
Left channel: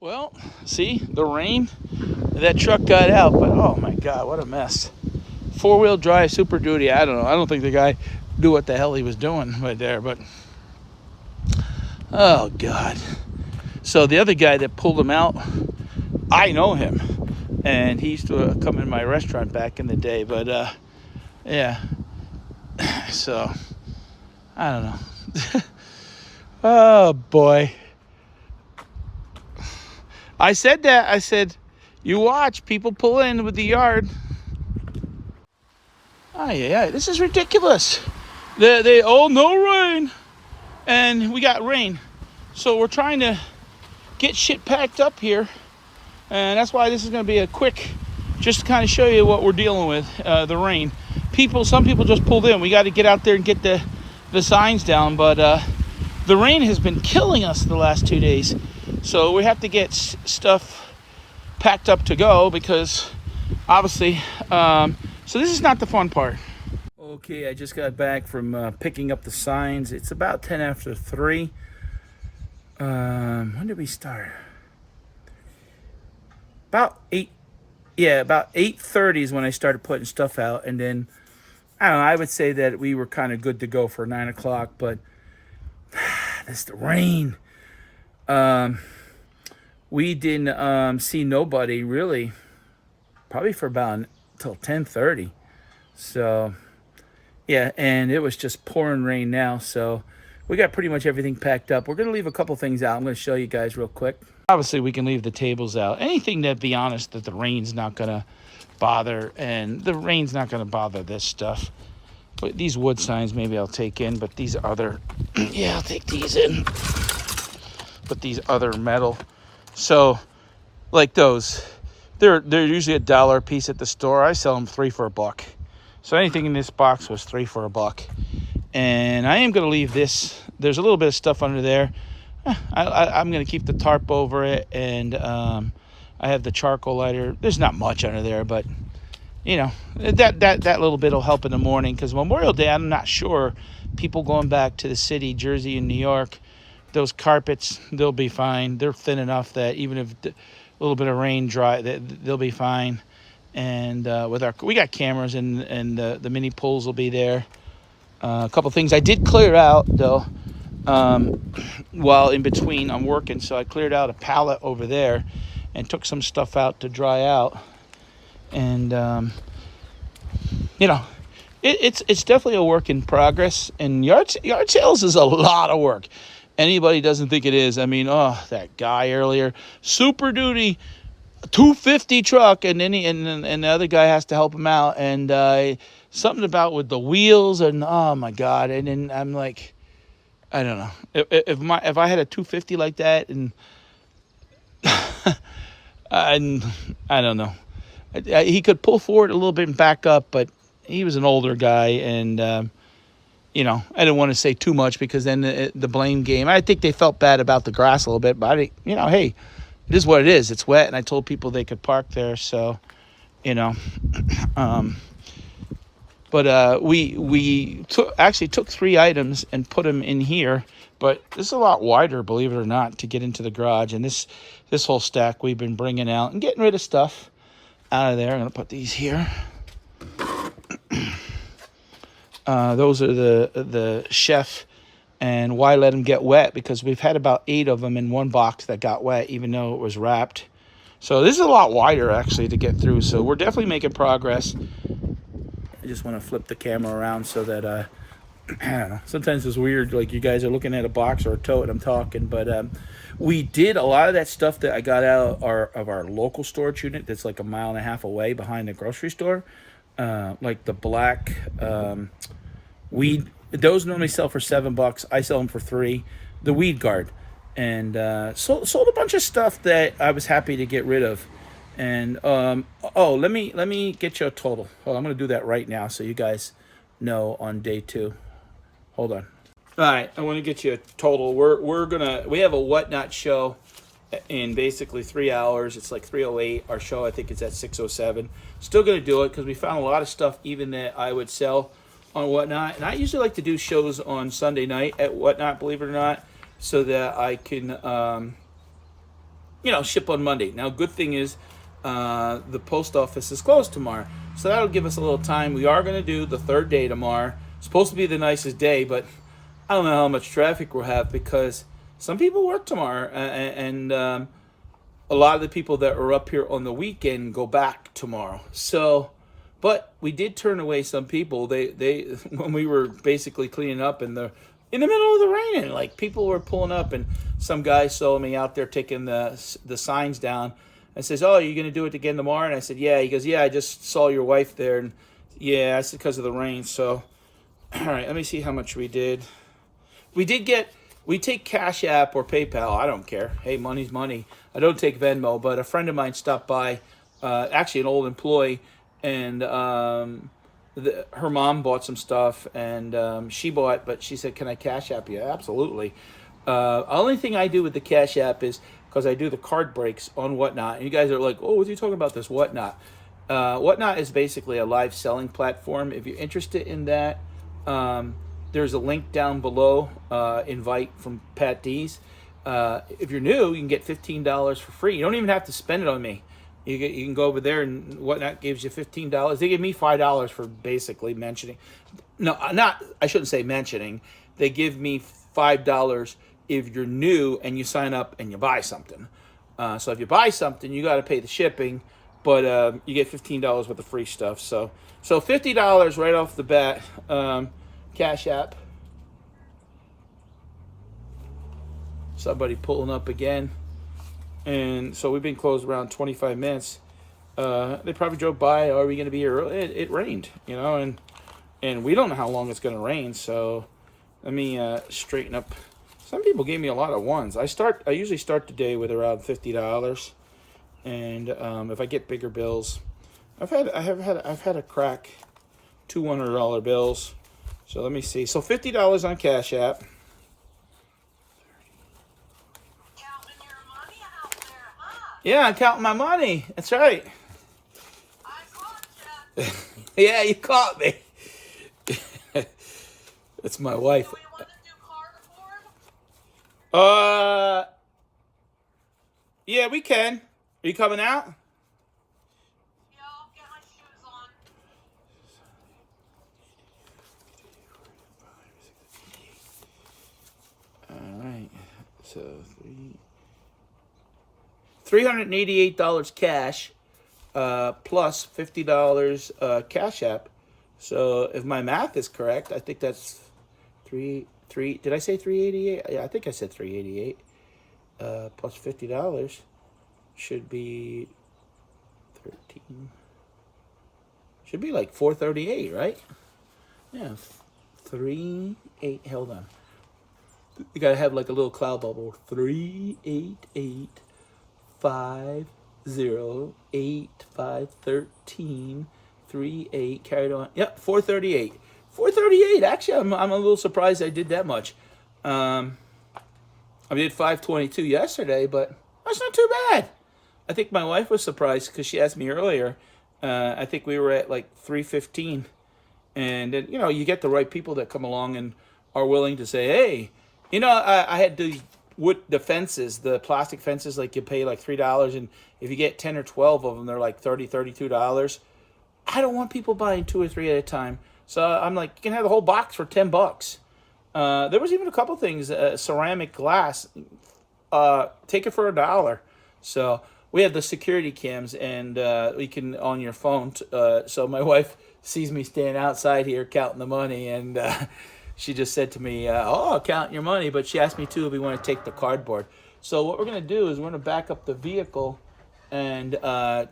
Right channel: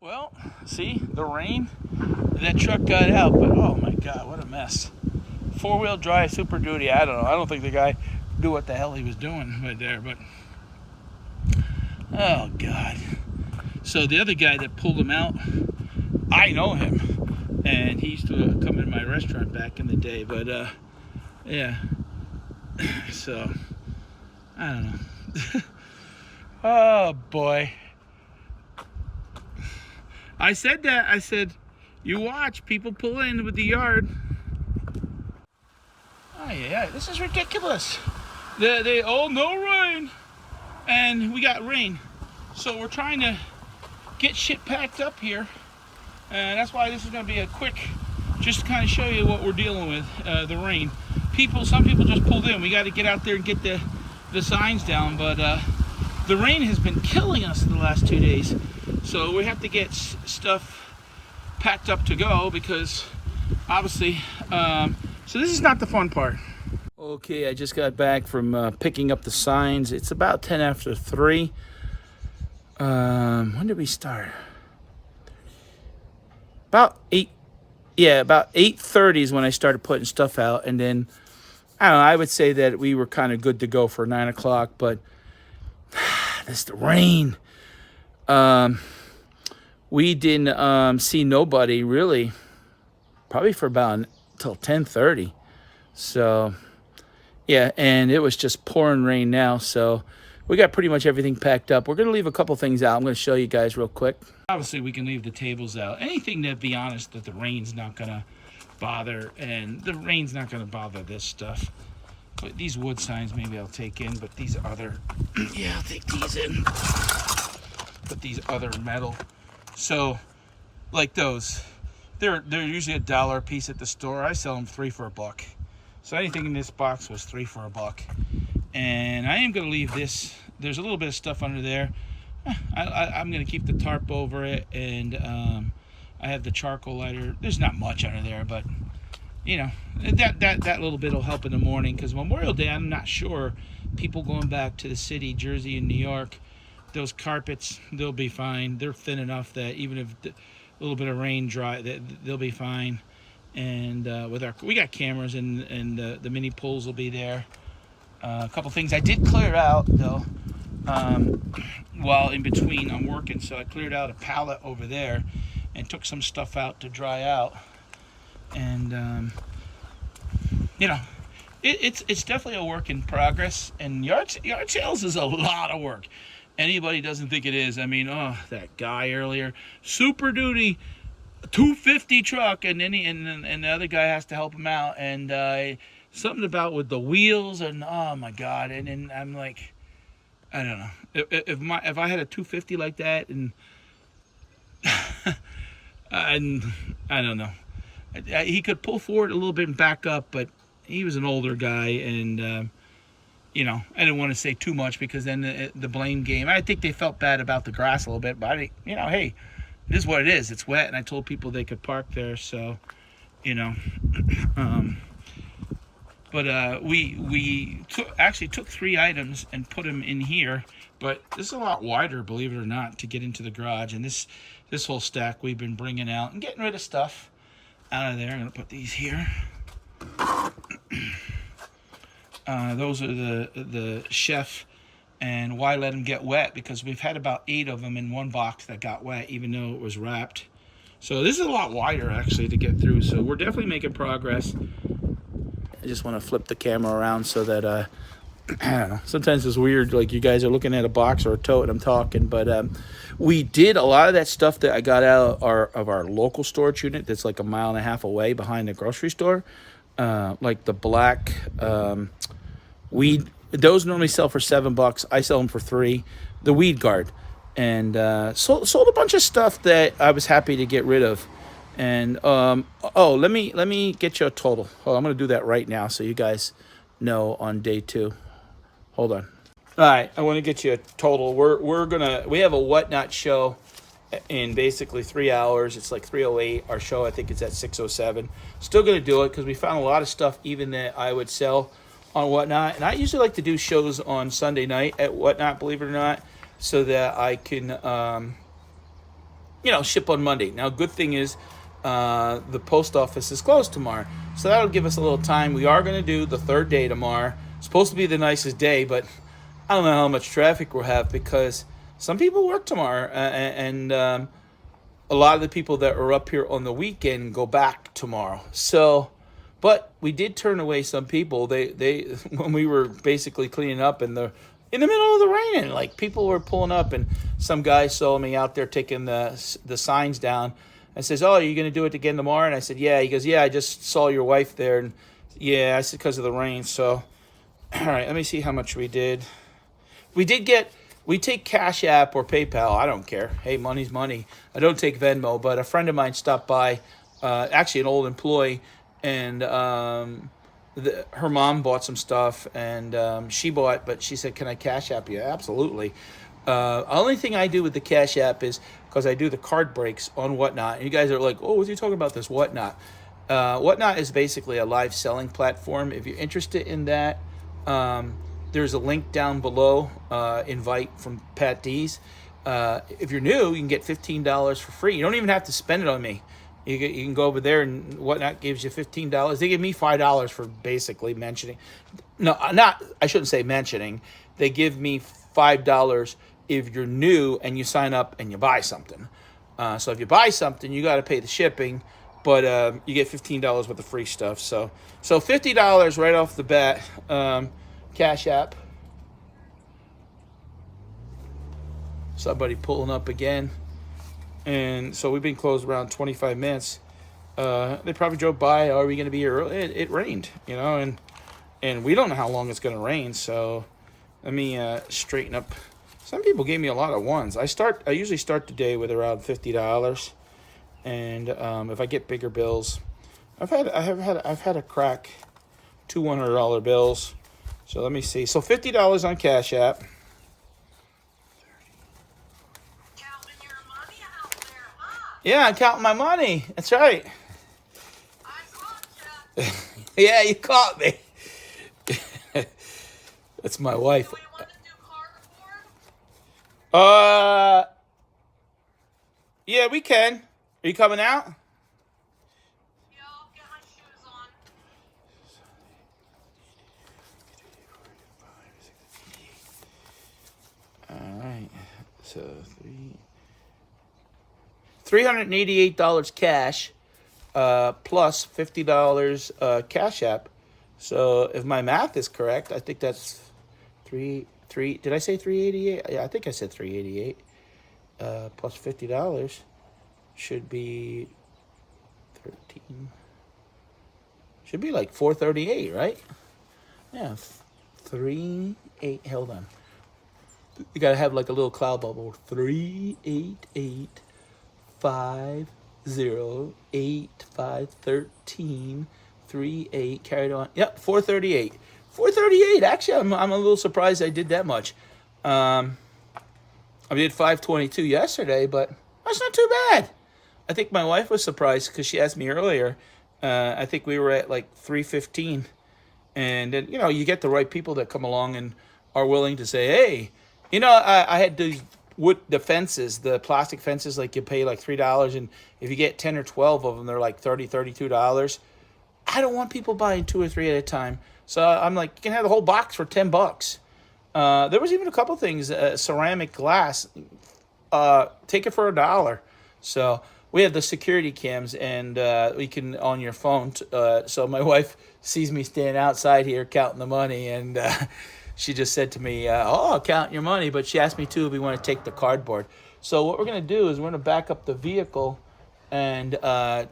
Well, see, the rain, that truck got out, but oh my God, what a mess. Four-wheel drive, Super Duty, I don't know. I don't think the guy knew what the hell he was doing right there, but oh God. So the other guy that pulled him out, I know him, and he used to come in my restaurant back in the day, but yeah, so I don't know. Oh boy. I said that. I said, you watch, people pull in with the yard. Oh yeah, this is ridiculous. They oh, no rain. And we got rain. So we're trying to get shit packed up here. And that's why this is gonna be a quick, just to kind of show you what we're dealing with, the rain. Some people just pulled in. We got to get out there and get the signs down, but the rain has been killing us the last 2 days. So we have to get stuff packed up to go because obviously, so this is not the fun part. Okay, I just got back from picking up the signs. It's about 10 after 3. When did we start? About 8. Yeah, about 8:30 is when I started putting stuff out. And then, I don't know, I would say that we were kind of good to go for 9 o'clock, but this the rain. We didn't see nobody really, probably for about till 10:30. So yeah, and it was just pouring rain now. So we got pretty much everything packed up. We're gonna leave a couple things out. I'm gonna show you guys real quick. Obviously, we can leave the tables out. Anything that, be honest, that the rain's not gonna bother, and the rain's not gonna bother this stuff. But these wood signs maybe I'll take in, but these other, yeah, I'll take these in. But these other metal, so like those, they're usually $1 a piece at the store. I sell them 3 for $1. So anything in this box was 3 for $1. And I am gonna leave this. There's a little bit of stuff under there. I'm gonna keep the tarp over it, and I have the charcoal lighter. There's not much under there, but you know, that little bit will help in the morning, because Memorial Day, I'm not sure. People going back to the city, Jersey and New York, those carpets, they'll be fine. They're thin enough that even if a little bit of rain dry, they'll be fine. And we got cameras, and the mini poles will be there. A couple things I did clear out though, while in between I'm working. So I cleared out a pallet over there and took some stuff out to dry out. And you know, it's definitely a work in progress. And yard sales is a lot of work. Anybody doesn't think it is. I mean, oh, that guy earlier, Super Duty, 250 truck, and then and the other guy has to help him out, and something about with the wheels, and oh my God. And then I'm like, I don't know, if I had a 250 like that, and I don't know, he could pull forward a little bit and back up, but he was an older guy, and you know, I didn't want to say too much, because then the blame game. I think they felt bad about the grass a little bit, but you know, hey, it is what it is. It's wet, and I told people they could park there, so you know. But we actually took 3 items and put them in here, But this is a lot wider, believe it or not, to get into the garage. And this whole stack we've been bringing out and getting rid of stuff out of there. I'm going to put these here. Those are the chef. And why let them get wet? Because we've had about 8 of them in one box that got wet, even though it was wrapped. So this is a lot wider, actually, to get through. So we're definitely making progress. I just want to flip the camera around so that, I don't know, sometimes it's weird, like you guys are looking at a box or a tote and I'm talking. But we did a lot of that stuff that I got out of our local storage unit that's like 1.5 miles away behind the grocery store. Like the black weed. Those normally sell for $7. I sell them for $3. The weed guard. And sold a bunch of stuff that I was happy to get rid of. And let me get you a total. I'm gonna do that right now so you guys know on day 2. Hold on. All right, I want to get you a total. We have a Whatnot show in basically 3 hours. It's like 3:08. Our show, I think, is at 6:07. Still gonna do it because we found a lot of stuff even that I would sell on Whatnot. And I usually like to do shows on Sunday night at Whatnot, believe it or not, so that I can, ship on Monday. Now, good thing is the post office is closed tomorrow, so that'll give us a little time. We are going to do the 3rd day tomorrow. It's supposed to be the nicest day, but I don't know how much traffic we'll have because some people work tomorrow, and a lot of the people that are up here on the weekend go back tomorrow. So, but we did turn away some people. They when we were basically cleaning up in the middle of the rain, and like people were pulling up, and some guy saw me out there taking the signs down and says, "Oh, are you going to do it again tomorrow?" And I said, "Yeah." He goes, "Yeah, I just saw your wife there." And yeah, I said, because of the rain. So, all right, let me see how much we did. We take Cash App or PayPal. I don't care. Hey, money's money. I don't take Venmo, but a friend of mine stopped by, actually an old employee, and her mom bought some stuff, and she bought, but she said, "Can I Cash App you?" Absolutely. Only thing I do with the Cash App is because I do the card breaks on Whatnot. And you guys are like, "Oh, what's he talking about this Whatnot?" Whatnot is basically a live selling platform. If you're interested in that, there's a link down below, invite from Patdees. If you're new, you can get $15 for free. You don't even have to spend it on me. You can go over there, and Whatnot gives you $15. They give me $5 for basically mentioning. No, I shouldn't say mentioning. They give me $5 if you're new and you sign up and you buy something. So if you buy something, you got to pay the shipping, but you get $15 worth of free stuff. So $50 right off the bat. Cash App. Somebody pulling up again. And so we've been closed around 25 minutes. They probably drove by. Are we going to be here early? It rained, and we don't know how long it's going to rain. So let me straighten up. Some people gave me a lot of ones. I usually start the day with around $50, and if I get bigger bills, I've had a crack $200 bills. So let me see. So $50 on Cash App. Counting your money out there, huh? Yeah, I'm counting my money. That's right. I caught ya. Yeah, you caught me. That's my wife. Do we want to do cardboard? Yeah, we can. Are you coming out? Yeah, I'll get my shoes on. All right. So $388 cash, plus $50 Cash App. So if my math is correct, I think that's three. Did I say 388? Yeah, I think I said 388. Plus $50 should be 13. Should be like 438, right? Yeah, 38. Hold on. You gotta have like a little cloud bubble. 388 508513 38. Carried on. Yep, 438. 438. Actually, I'm a little surprised I did that much. I did 522 yesterday, but that's not too bad. I think my wife was surprised because she asked me earlier. I think we were at like 315, and then you get the right people that come along and are willing to say, hey, You know, I had the fences, the plastic fences, like you pay like $3, and if you get 10 or 12 of them, they're like $32. I don't want people buying 2 or 3 at a time. So I'm like, you can have the whole box for $10. There was even a couple things, ceramic glass. Take it for $1. So we have the security cams, and we can on your phone. So my wife sees me standing outside here counting the money, and she just said to me, "Oh, I'll count your money," but she asked me too if we want to take the cardboard. So what we're gonna do is we're gonna back up the vehicle and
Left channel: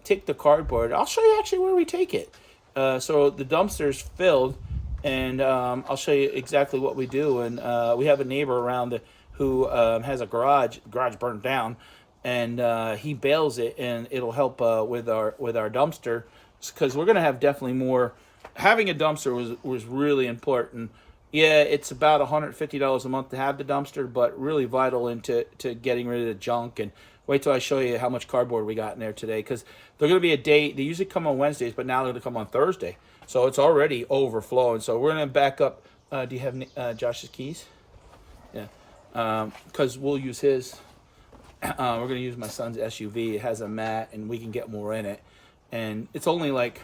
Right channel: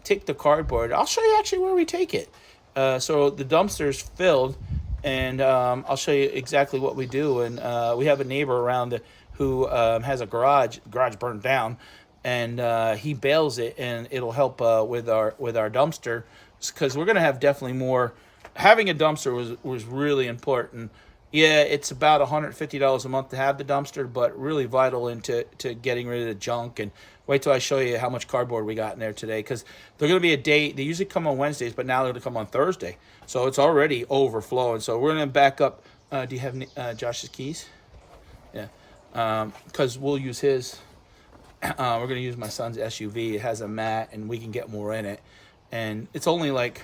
take the cardboard. I'll show you actually where we take it. So the dumpster's filled, and I'll show you exactly what we do. And we have a neighbor around who has a garage. The garage burned down, and he bails it, and it'll help with our dumpster, because we're gonna have definitely more. Having a dumpster was really important. Yeah, it's about $150 a month to have the dumpster, but really vital into getting rid of the junk. And wait till I show you how much cardboard we got in there today, because they're going to be a day. They usually come on Wednesdays, but now they're going to come on Thursday. So it's already overflowing. So we're going to back up. Do you have Josh's keys? Yeah, because we'll use his. We're going to use my son's SUV. It has a mat, and we can get more in it. And it's only like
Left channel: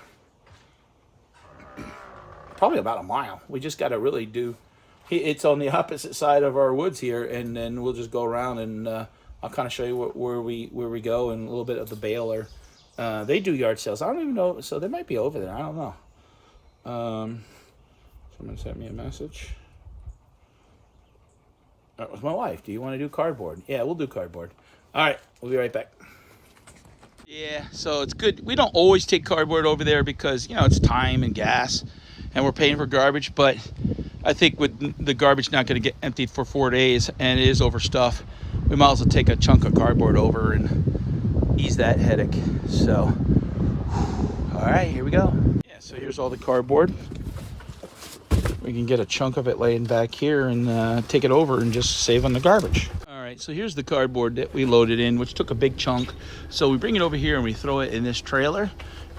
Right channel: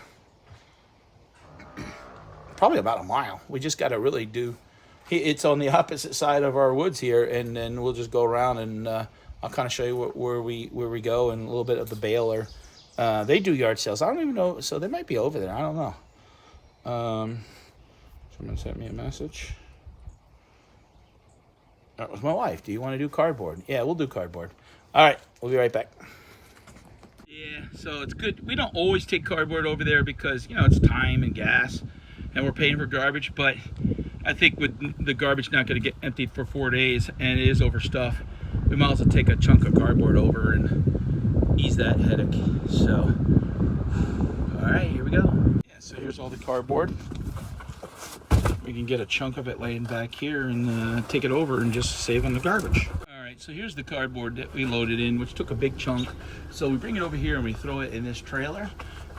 probably about a mile. We just got to really do. It's on the opposite side of our woods here, and then we'll just go around, and I'll kind of show you where we go, and a little bit of the baler. They do yard sales. I don't even know, so they might be over there. I don't know. Someone sent me a message. That was my wife. Do you want to do cardboard? Yeah, we'll do cardboard. All right, we'll be right back. Yeah, so it's good. We don't always take cardboard over there because, it's time and gas, and we're paying for garbage. But I think with the garbage not going to get emptied for 4 days, and it is overstuffed, we might as well take a chunk of cardboard over and ease that headache. So, all right, here we go. Yeah, so here's all the cardboard. We can get a chunk of it laying back here and take it over and just save on the garbage. All right, so here's the cardboard that we loaded in, which took a big chunk. So we bring it over here and we throw it in this trailer.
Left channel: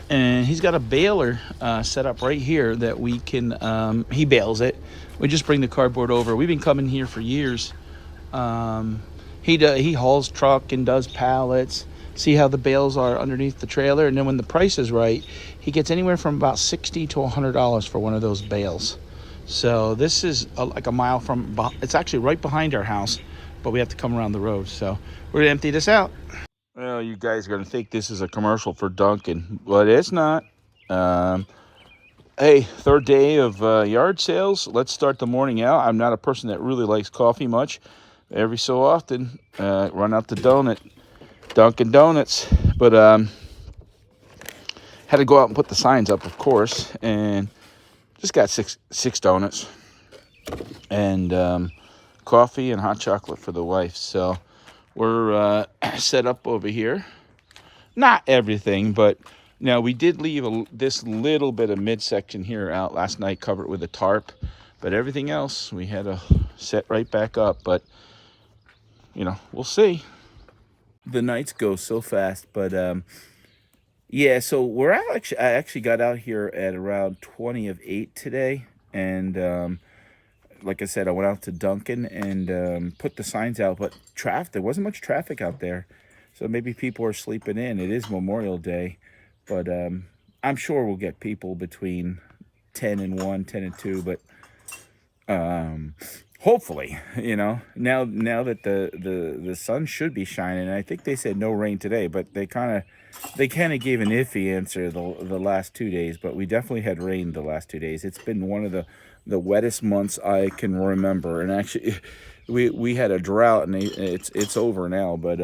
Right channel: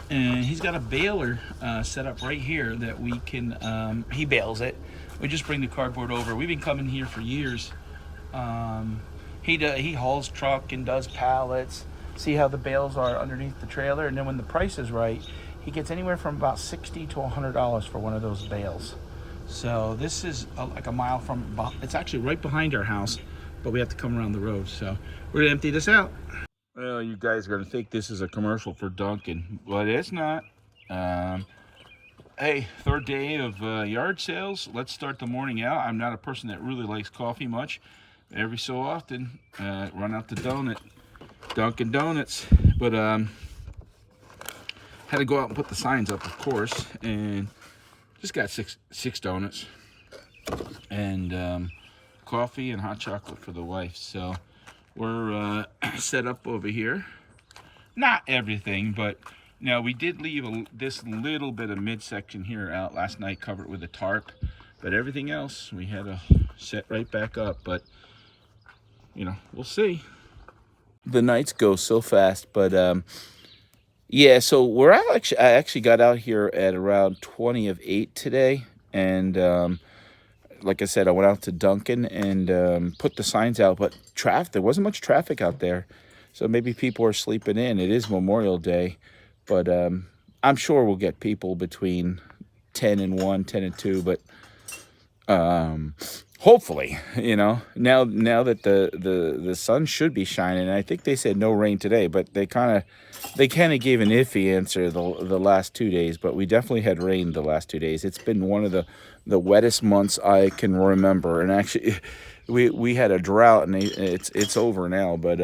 And he's got a baler set up right here that we can, he bales it. We just bring the cardboard over. We've been coming here for years. He hauls truck and does pallets. See how the bales are underneath the trailer? And then when the price is right, he gets anywhere from about $60 to $100 for one of those bales. So this is like a mile from, it's actually right behind our house, but we have to come around the road. So we're gonna empty this out. Well, you guys are gonna think this is a commercial for Dunkin', but it's not. Hey, third day of yard sales. Let's start the morning out. I'm not a person that really likes coffee much. Every so often, run out to Dunkin' Donuts. But had to go out and put the signs up, of course, and just got six donuts and coffee and hot chocolate for the wife. So we're set up over here. Not everything, but we did leave this little bit of midsection here out last night, covered with a tarp. But everything else we had to set right back up. But we'll see. The nights go so fast, but yeah. So I actually got out here at around 8:20 today, and like I said, I went out to Dunkin' and put the signs out, but there wasn't much traffic out there, so maybe people are sleeping in. It is Memorial Day, but I'm sure we'll get people between 10 and 1, 10 and 2, but hopefully, now that the sun should be shining. I think they said no rain today, but they kind of gave an iffy answer the last 2 days, but we definitely had rain the last 2 days. It's been one of the wettest months I can remember, and actually we had a drought, and it's over now, but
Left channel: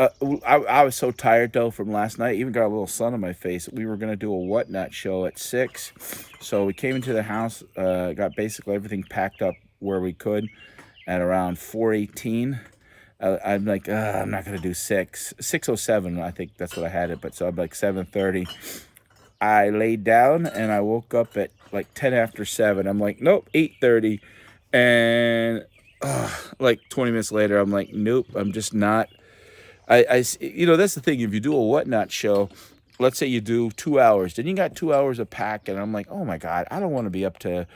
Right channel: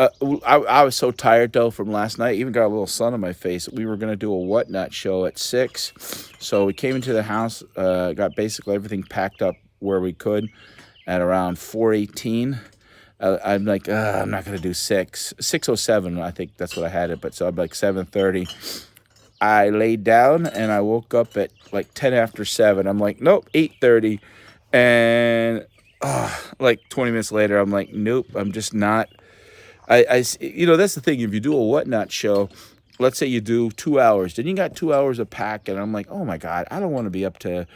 I was so tired though from last night. Even got a little sun on my face. We were gonna do a whatnot show at 6, so we came into the house, got basically everything packed up where we could at around 4:18. I'm like, I'm not gonna do 6:07. I think that's what I had it, but so I'm like 7:30. I laid down and I woke up at like 10 after 7. I'm like, nope, 8:30, and like 20 minutes later, I'm like, nope, I'm just not. That's the thing. If you do a whatnot show, let's say you do 2 hours, then you got 2 hours of pack, and I'm like, oh my God, I don't want to be up to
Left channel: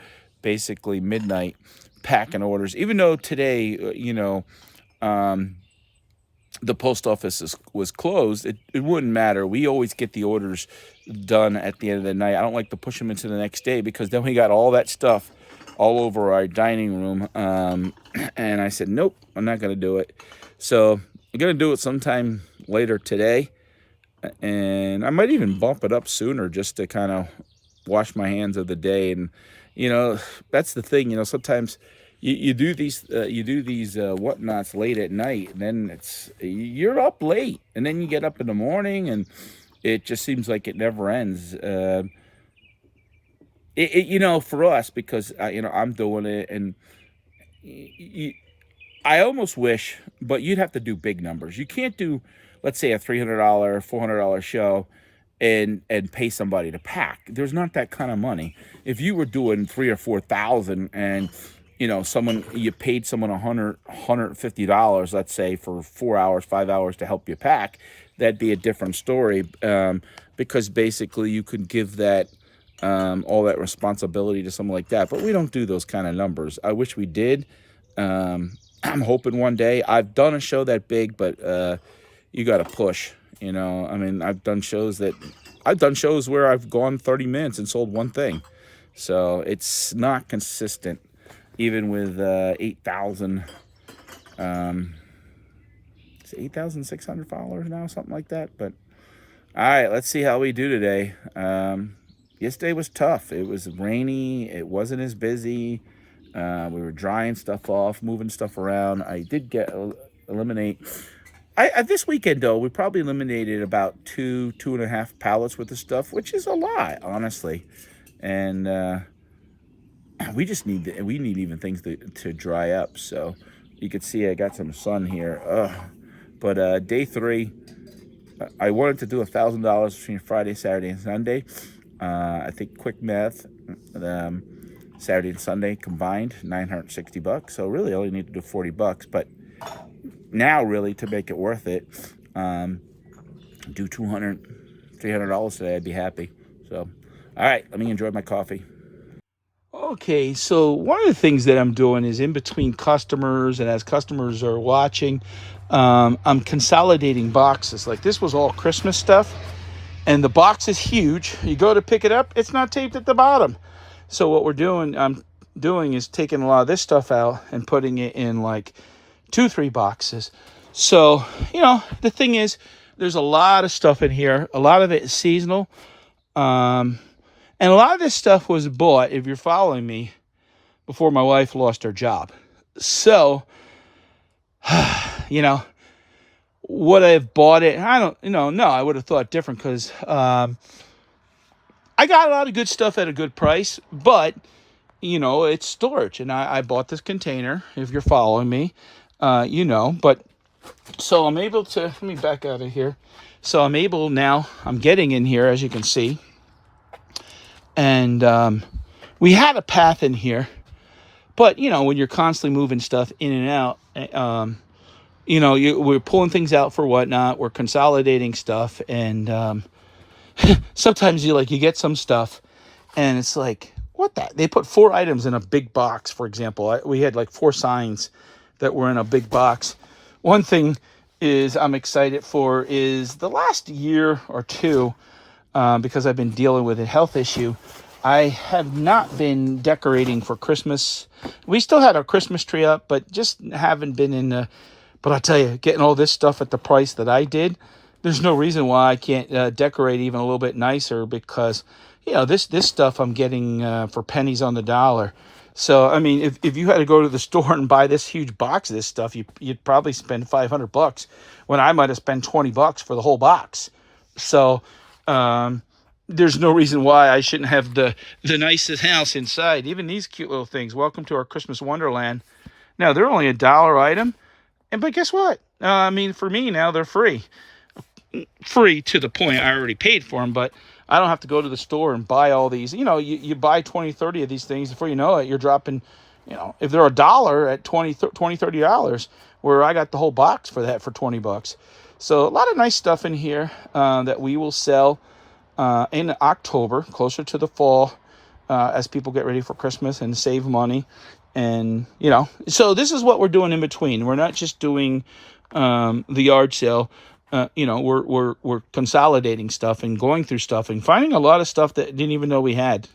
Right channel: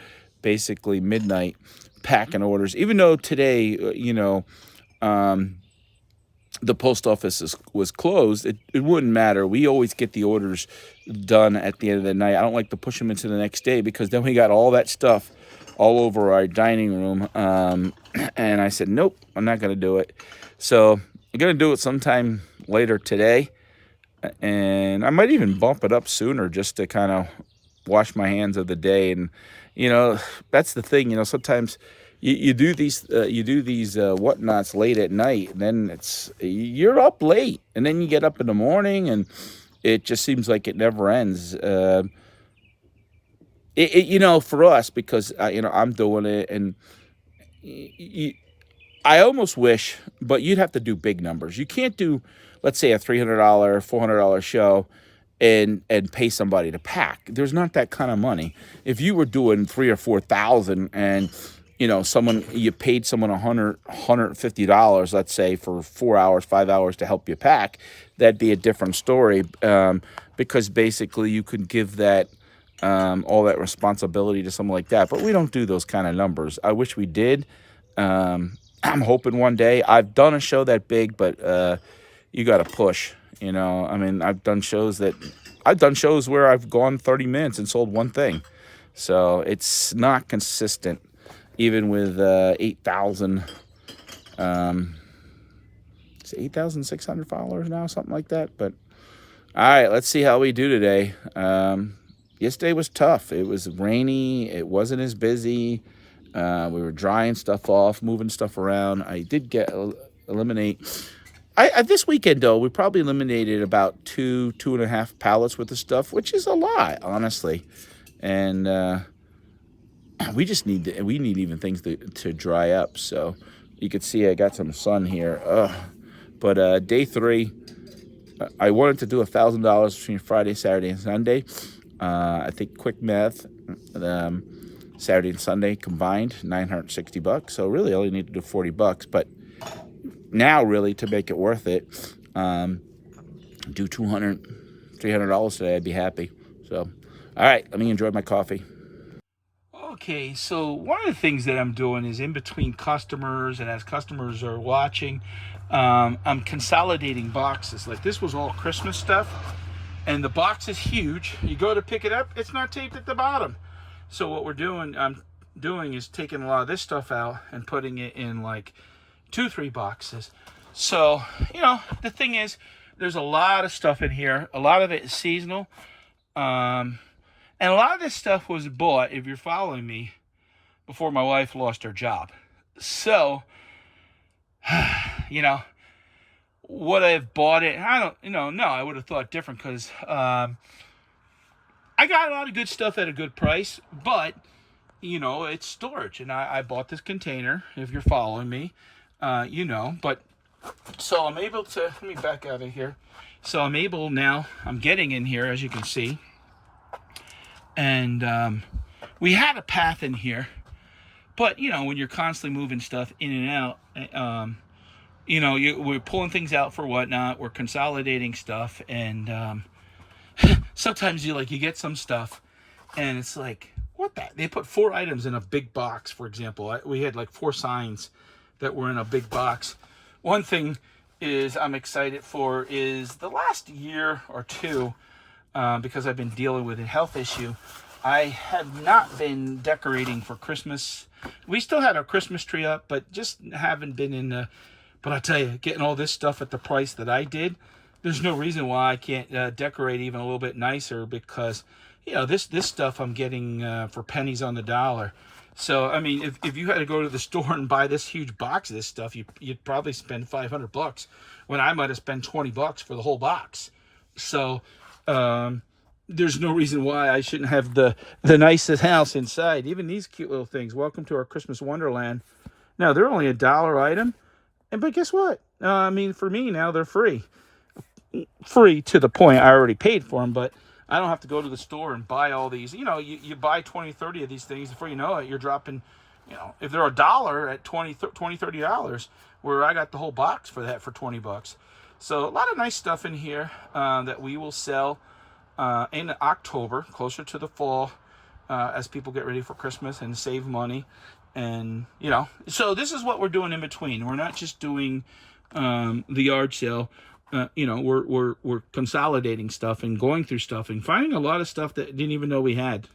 basically midnight packing orders. Even though today, the post office was closed, it wouldn't matter. We always get the orders done at the end of the night. I don't like to push them into the next day because then we got all that stuff all over our dining room. And I said, nope, I'm not going to do it. So I'm going to do it sometime later today. And I might even bump it up sooner just to kind of wash my hands of the day. And, that's the thing, sometimes you do these whatnots late at night, and then you're up late, and then you get up in the morning, and it just seems like it never ends. For us, because I'm doing it, and I almost wish, but you'd have to do big numbers. You can't do, let's say, a $300, $400 show and pay somebody to pack. There's not that kind of money. If you were doing $3,000 or $4,000 and you paid someone $150, let's say, for 4 hours, 5 hours to help you pack, that'd be a different story, because basically you could give that all that responsibility to someone like that. But we don't do those kind of numbers. I wish we did. I'm hoping one day. I've done a show that big, but you got to push. I've done shows where I've gone 30 minutes and sold one thing. So it's not consistent. Even with 8,000, it's 8,600 followers now, something like that. But all right, let's see how we do today. Yesterday was tough. It was rainy. It wasn't as busy. We were drying stuff off, moving stuff around. I did eliminate. This weekend though, we probably eliminated about 2.5 pallets worth of stuff, which is a lot, honestly, and. We need even things to dry up. So you could see I got some sun here. But day 3, I wanted to do $1,000 between Friday, Saturday, and Sunday. I think quick math, Saturday and Sunday combined, $960. So really, I only need to do $40. But now, really, to make it worth it, do $200, $300 today. I'd be happy. So, all right, let me enjoy my coffee. Okay, so one of the things that I'm doing is in between customers, and as customers are watching, I'm consolidating boxes. Like this was all Christmas stuff, and the box is huge. You go to pick it up, it's not taped at the bottom. So what I'm doing is taking a lot of this stuff out and putting it in like 2-3 boxes. So, the thing is, there's a lot of stuff in here. A lot of it is seasonal. And a lot of this stuff was bought, if you're following me, before my wife lost her job. So, would I have bought it? I don't, no, I would have thought different because I got a lot of good stuff at a good price, but, it's storage. And I bought this container, if you're following me, but so I'm able to, let me back out of here. So I'm getting in here, as you can see. And we had a path in here, but when you're constantly moving stuff in and out, we're pulling things out for whatnot. We're consolidating stuff, and sometimes you get some stuff, and it's like, what that? They put 4 items in a big box. For example, we had 4 signs that were in a big box. One thing I'm excited for is the last year or two. Because I've been dealing with a health issue, I have not been decorating for Christmas. We still had our Christmas tree up, but just haven't been but I tell you, getting all this stuff at the price that I did, there's no reason why I can't decorate even a little bit nicer, because, this stuff I'm getting for pennies on the dollar. So, if you had to go to the store and buy this huge box of this stuff, you'd probably spend $500 when I might have spent $20 for the whole box. So, there's no reason why I shouldn't have the nicest house inside. Even these cute little things. Welcome to our Christmas Wonderland. Now, they're only $1 item. But guess what? For me now, they're free. Free to the point I already paid for them, but I don't have to go to the store and buy all these. You buy 20, 30 of these things. Before you know it, you're dropping, if they're $1 at $20, $30, where I got the whole box for that for $20. So a lot of nice stuff in here that we will sell in October, closer to the fall, as people get ready for Christmas and save money. And, you know, so this is what we're doing in between. We're not just doing the yard sale. You know, we're consolidating stuff and going through stuff and finding a lot of stuff that didn't even know we had.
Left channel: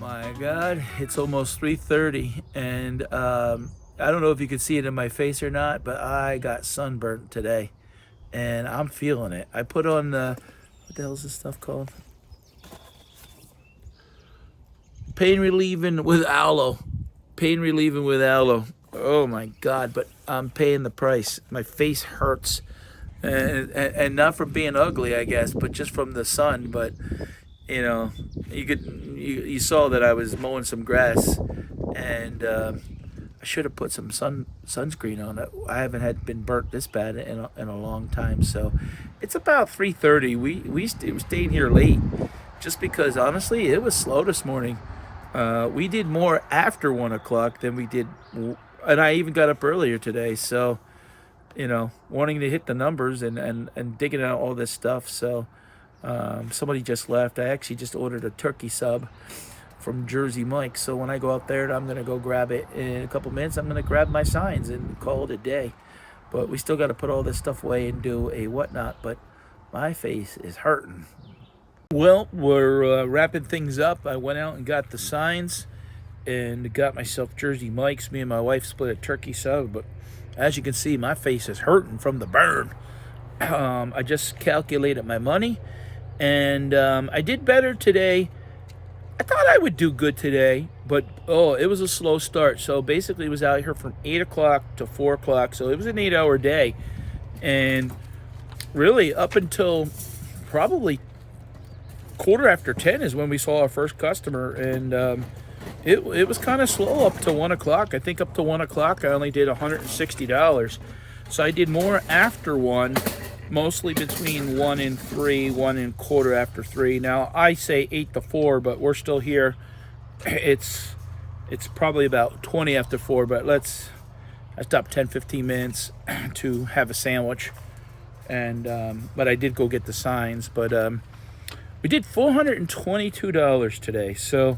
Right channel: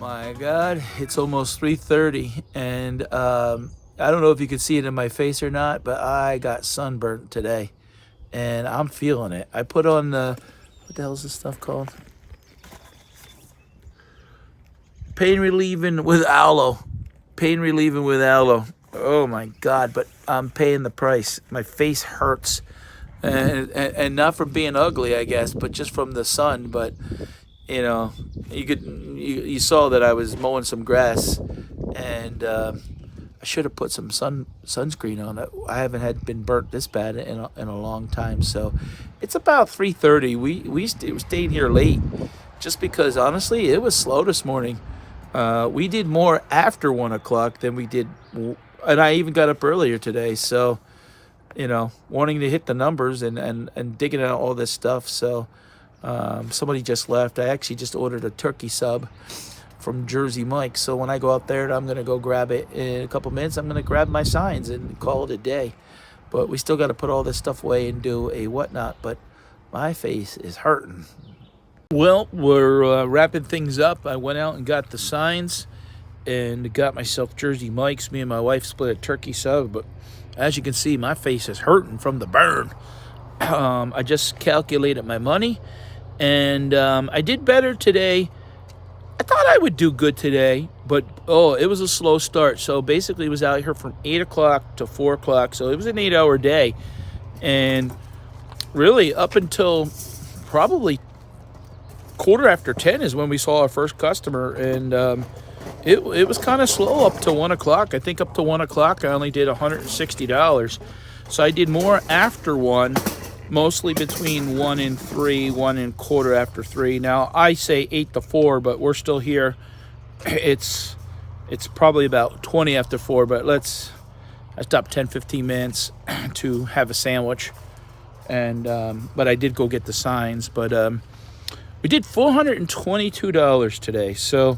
My God, it's almost 3:30, and I don't know if you can see it in my face or not, but I got sunburnt today, and I'm feeling it. I put on the, what the hell is this stuff called? Pain relieving with aloe. Pain relieving with aloe. Oh my God, but I'm paying the price. My face hurts, and not from being ugly, I guess, but just from the sun. But you know, you saw that I was mowing some grass, and I should have put some sunscreen on it. I haven't been burnt this bad in a long time. So it's about 3:30. We stayed here late just because honestly it was slow this morning. We did more after 1 o'clock than we did, and I even got up earlier today. So you know, wanting to hit the numbers and digging out all this stuff. So. Somebody just left. I actually just ordered a turkey sub from Jersey Mike. So when I go up there, I'm going to go grab it in a couple minutes. I'm going to grab my signs and call it a day. But we still got to put all this stuff away and do a whatnot. But my face is hurting. Well, we're wrapping things up. I went out and got the signs and got myself Jersey Mike's. Me and my wife split a turkey sub. But as you can see, my face is hurting from the burn. I just calculated my money. And I did better today. I thought I would do good today, but it was a slow start. So basically, it was out here from 8 o'clock to 4 o'clock. So it was an 8-hour day, and really up until probably 10:15 is when we saw our first customer, and it was kind of slow up to 1 o'clock. I think up to 1 o'clock, I only did $160. So I did more after 1. Mostly between 1 and 3, 1 and quarter after 3. Now I say 8 to 4, but we're still here. It's probably about 20 after 4, but I stopped 10-15 minutes to have a sandwich, and but I did go get the signs. But we did $422 today. So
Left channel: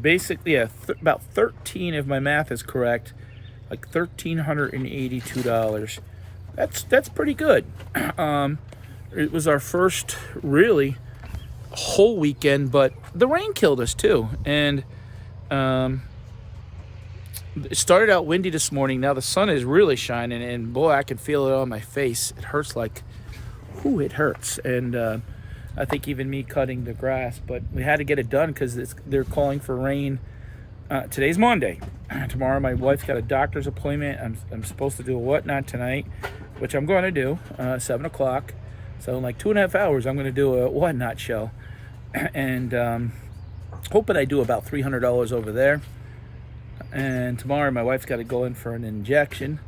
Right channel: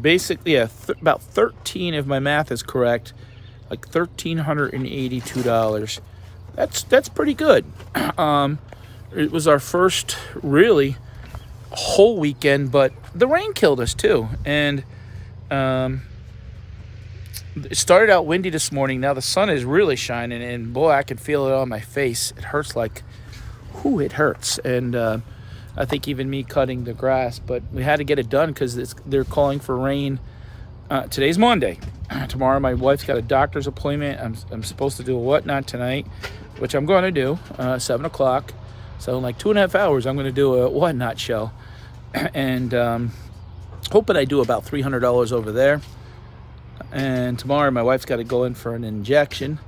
basically, yeah, about 13 if my math is correct. Like $1,382. That's pretty good. It was our first really whole weekend, but the rain killed us too. And it started out windy this morning. Now the sun is really shining, and boy, I can feel it on my face. It hurts like, whew, it hurts. And I think even me cutting the grass, but we had to get it done because they're calling for rain. Today's Monday. Tomorrow my wife's got a doctor's appointment. I'm supposed to do a whatnot tonight, which I'm going to do 7 o'clock. So in like 2.5 hours, I'm going to do a whatnot show, and hoping I do about $300 over there. And tomorrow my wife's got to go in for an injection.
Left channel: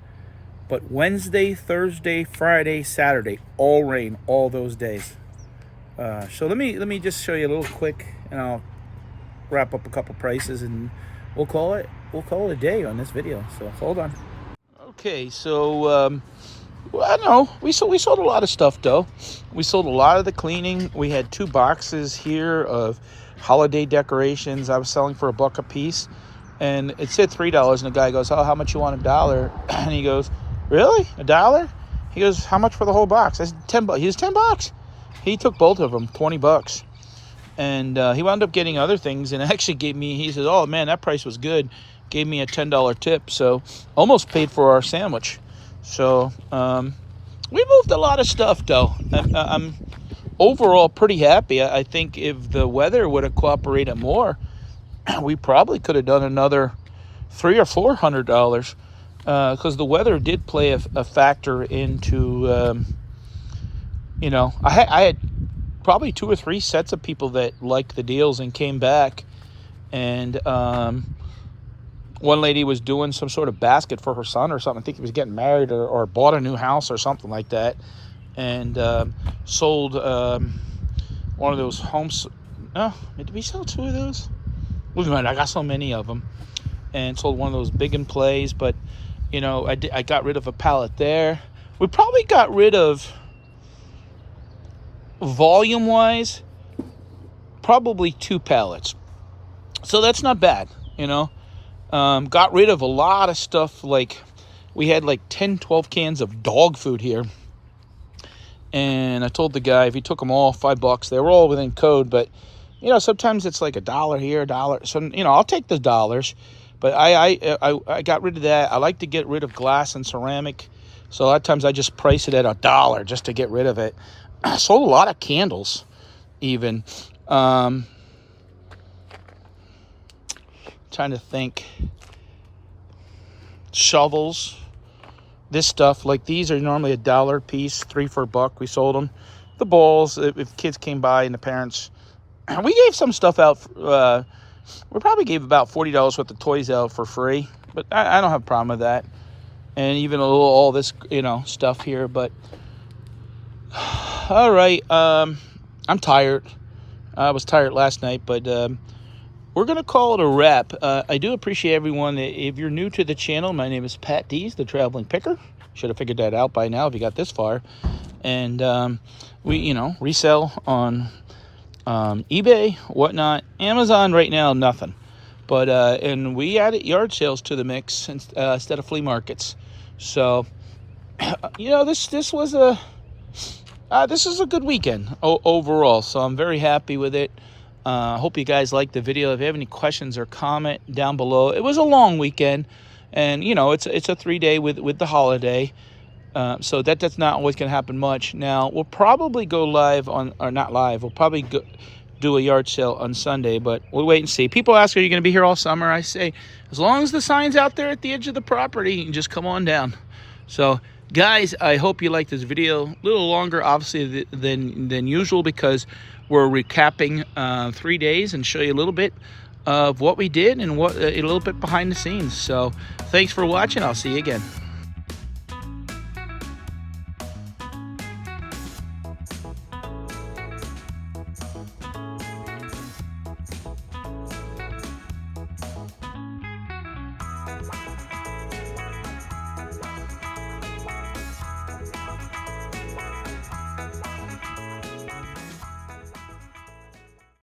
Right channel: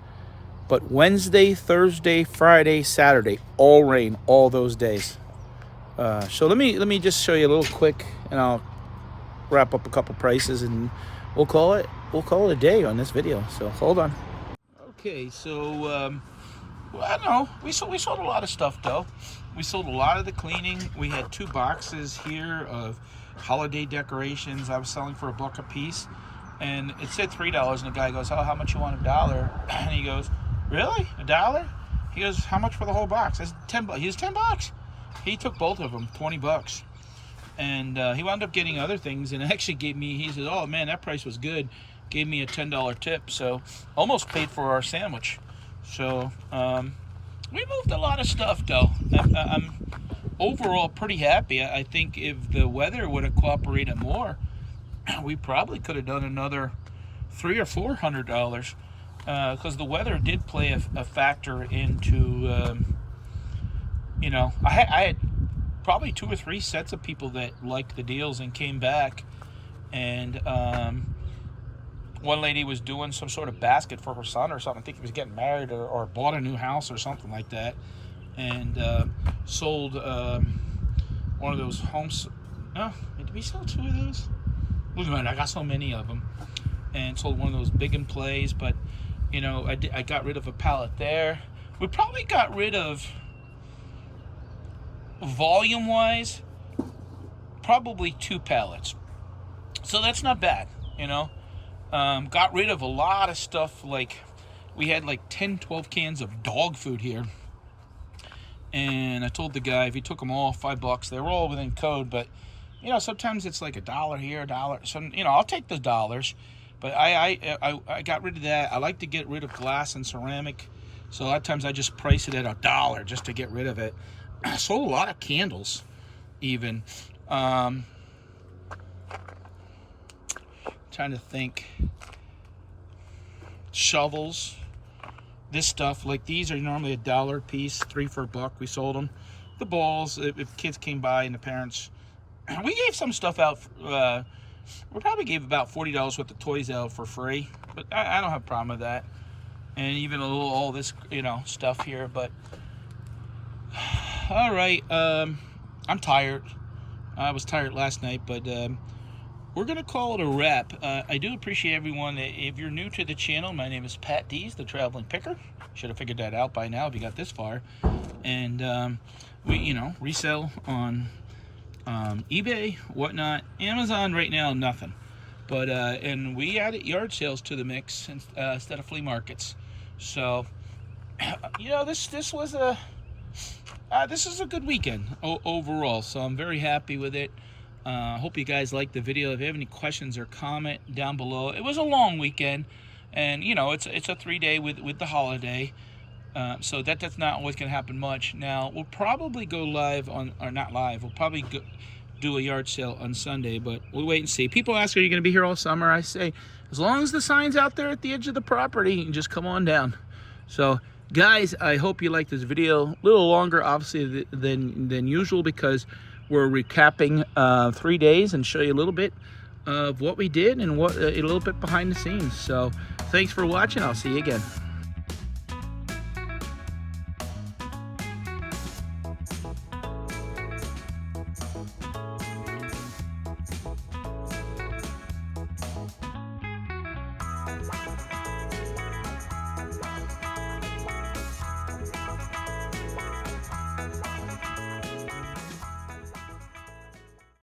But Wednesday, Thursday, Friday, Saturday, all rain, all those days. So let me just show you a little quick, and I'll wrap up a couple prices, and we'll call it a day on this video. So hold on. Okay, so I don't know. We sold a lot of stuff though. We sold a lot of the cleaning. We had 2 boxes here of holiday decorations. I was selling for $1 a piece, and it said $3. And the guy goes, "Oh, how much you want? $1?" And he goes, "Really? $1?" He goes, "How much for the whole box?" I said, $10. He was $10. He took both of them, $20. And he wound up getting other things, and actually gave me. He said, "Oh man, that price was good. gave me a $10 tip, so almost paid for our sandwich. So we moved a lot of stuff, though. I'm overall pretty happy. I think if the weather would have cooperated more, we probably could have done another $300 or $400, because the weather did play a factor into. You know, I had probably 2 or 3 sets of people that liked the deals and came back, and one lady was doing some sort of basket for her son or something. I think he was getting married or bought a new house or something like that, and sold one of those homes. Oh, did we sell 2 of those? Wait a minute, I got so many of them. And sold one of those big in plays, but you know, I got rid of a pallet there. We probably got rid of, volume wise, probably 2 pallets, so that's not bad, you know. Got rid of a lot of stuff. Like we had like 10-12 cans of dog food here, and I told the guy if he took them all, $5. They were all within code, but you know, sometimes it's like $1 here, $1. So you know, I'll take the dollars, but I got rid of that. I like to get rid of glass and ceramic, so a lot of times I just price it at $1 just to get rid of it. I sold a lot of candles, even. Trying to think. Shovels. This stuff, like these are normally $1 a piece, 3 for $1. We sold them. The balls, if kids came by and the parents, we gave some stuff out. We probably gave about $40 worth of toys out for free, but I don't have a problem with that. And even a little all this, you know, stuff here, but. All right, I'm tired. I was tired last night, but we're going to call it a wrap. I do appreciate everyone. If you're new to the channel, my name is Patdees, the Traveling Picker. Should have figured that out by now if you got this far. And we, you know, resell on eBay, whatnot. Amazon right now, nothing. But and we added yard sales to the mix instead of flea markets. So, you know, this was a... this is a good weekend overall, so I'm very happy with it. Hope you guys liked the video. If you have any questions or comment down below. It was a long weekend, and you know, it's a 3-day with the holiday, so that's not always going to happen much. Now we'll probably go live on, or not live, we'll probably do a yard sale on Sunday, but we'll wait and see. People ask, are you going to be here all summer? I say, as long as the sign's out there at the edge of the property, you can just come on down. So guys, I hope you liked this video. A little longer, obviously, than usual, because we're recapping 3 days and show you a little bit of what we did and what a little bit behind the scenes. So thanks for watching. I'll see you again.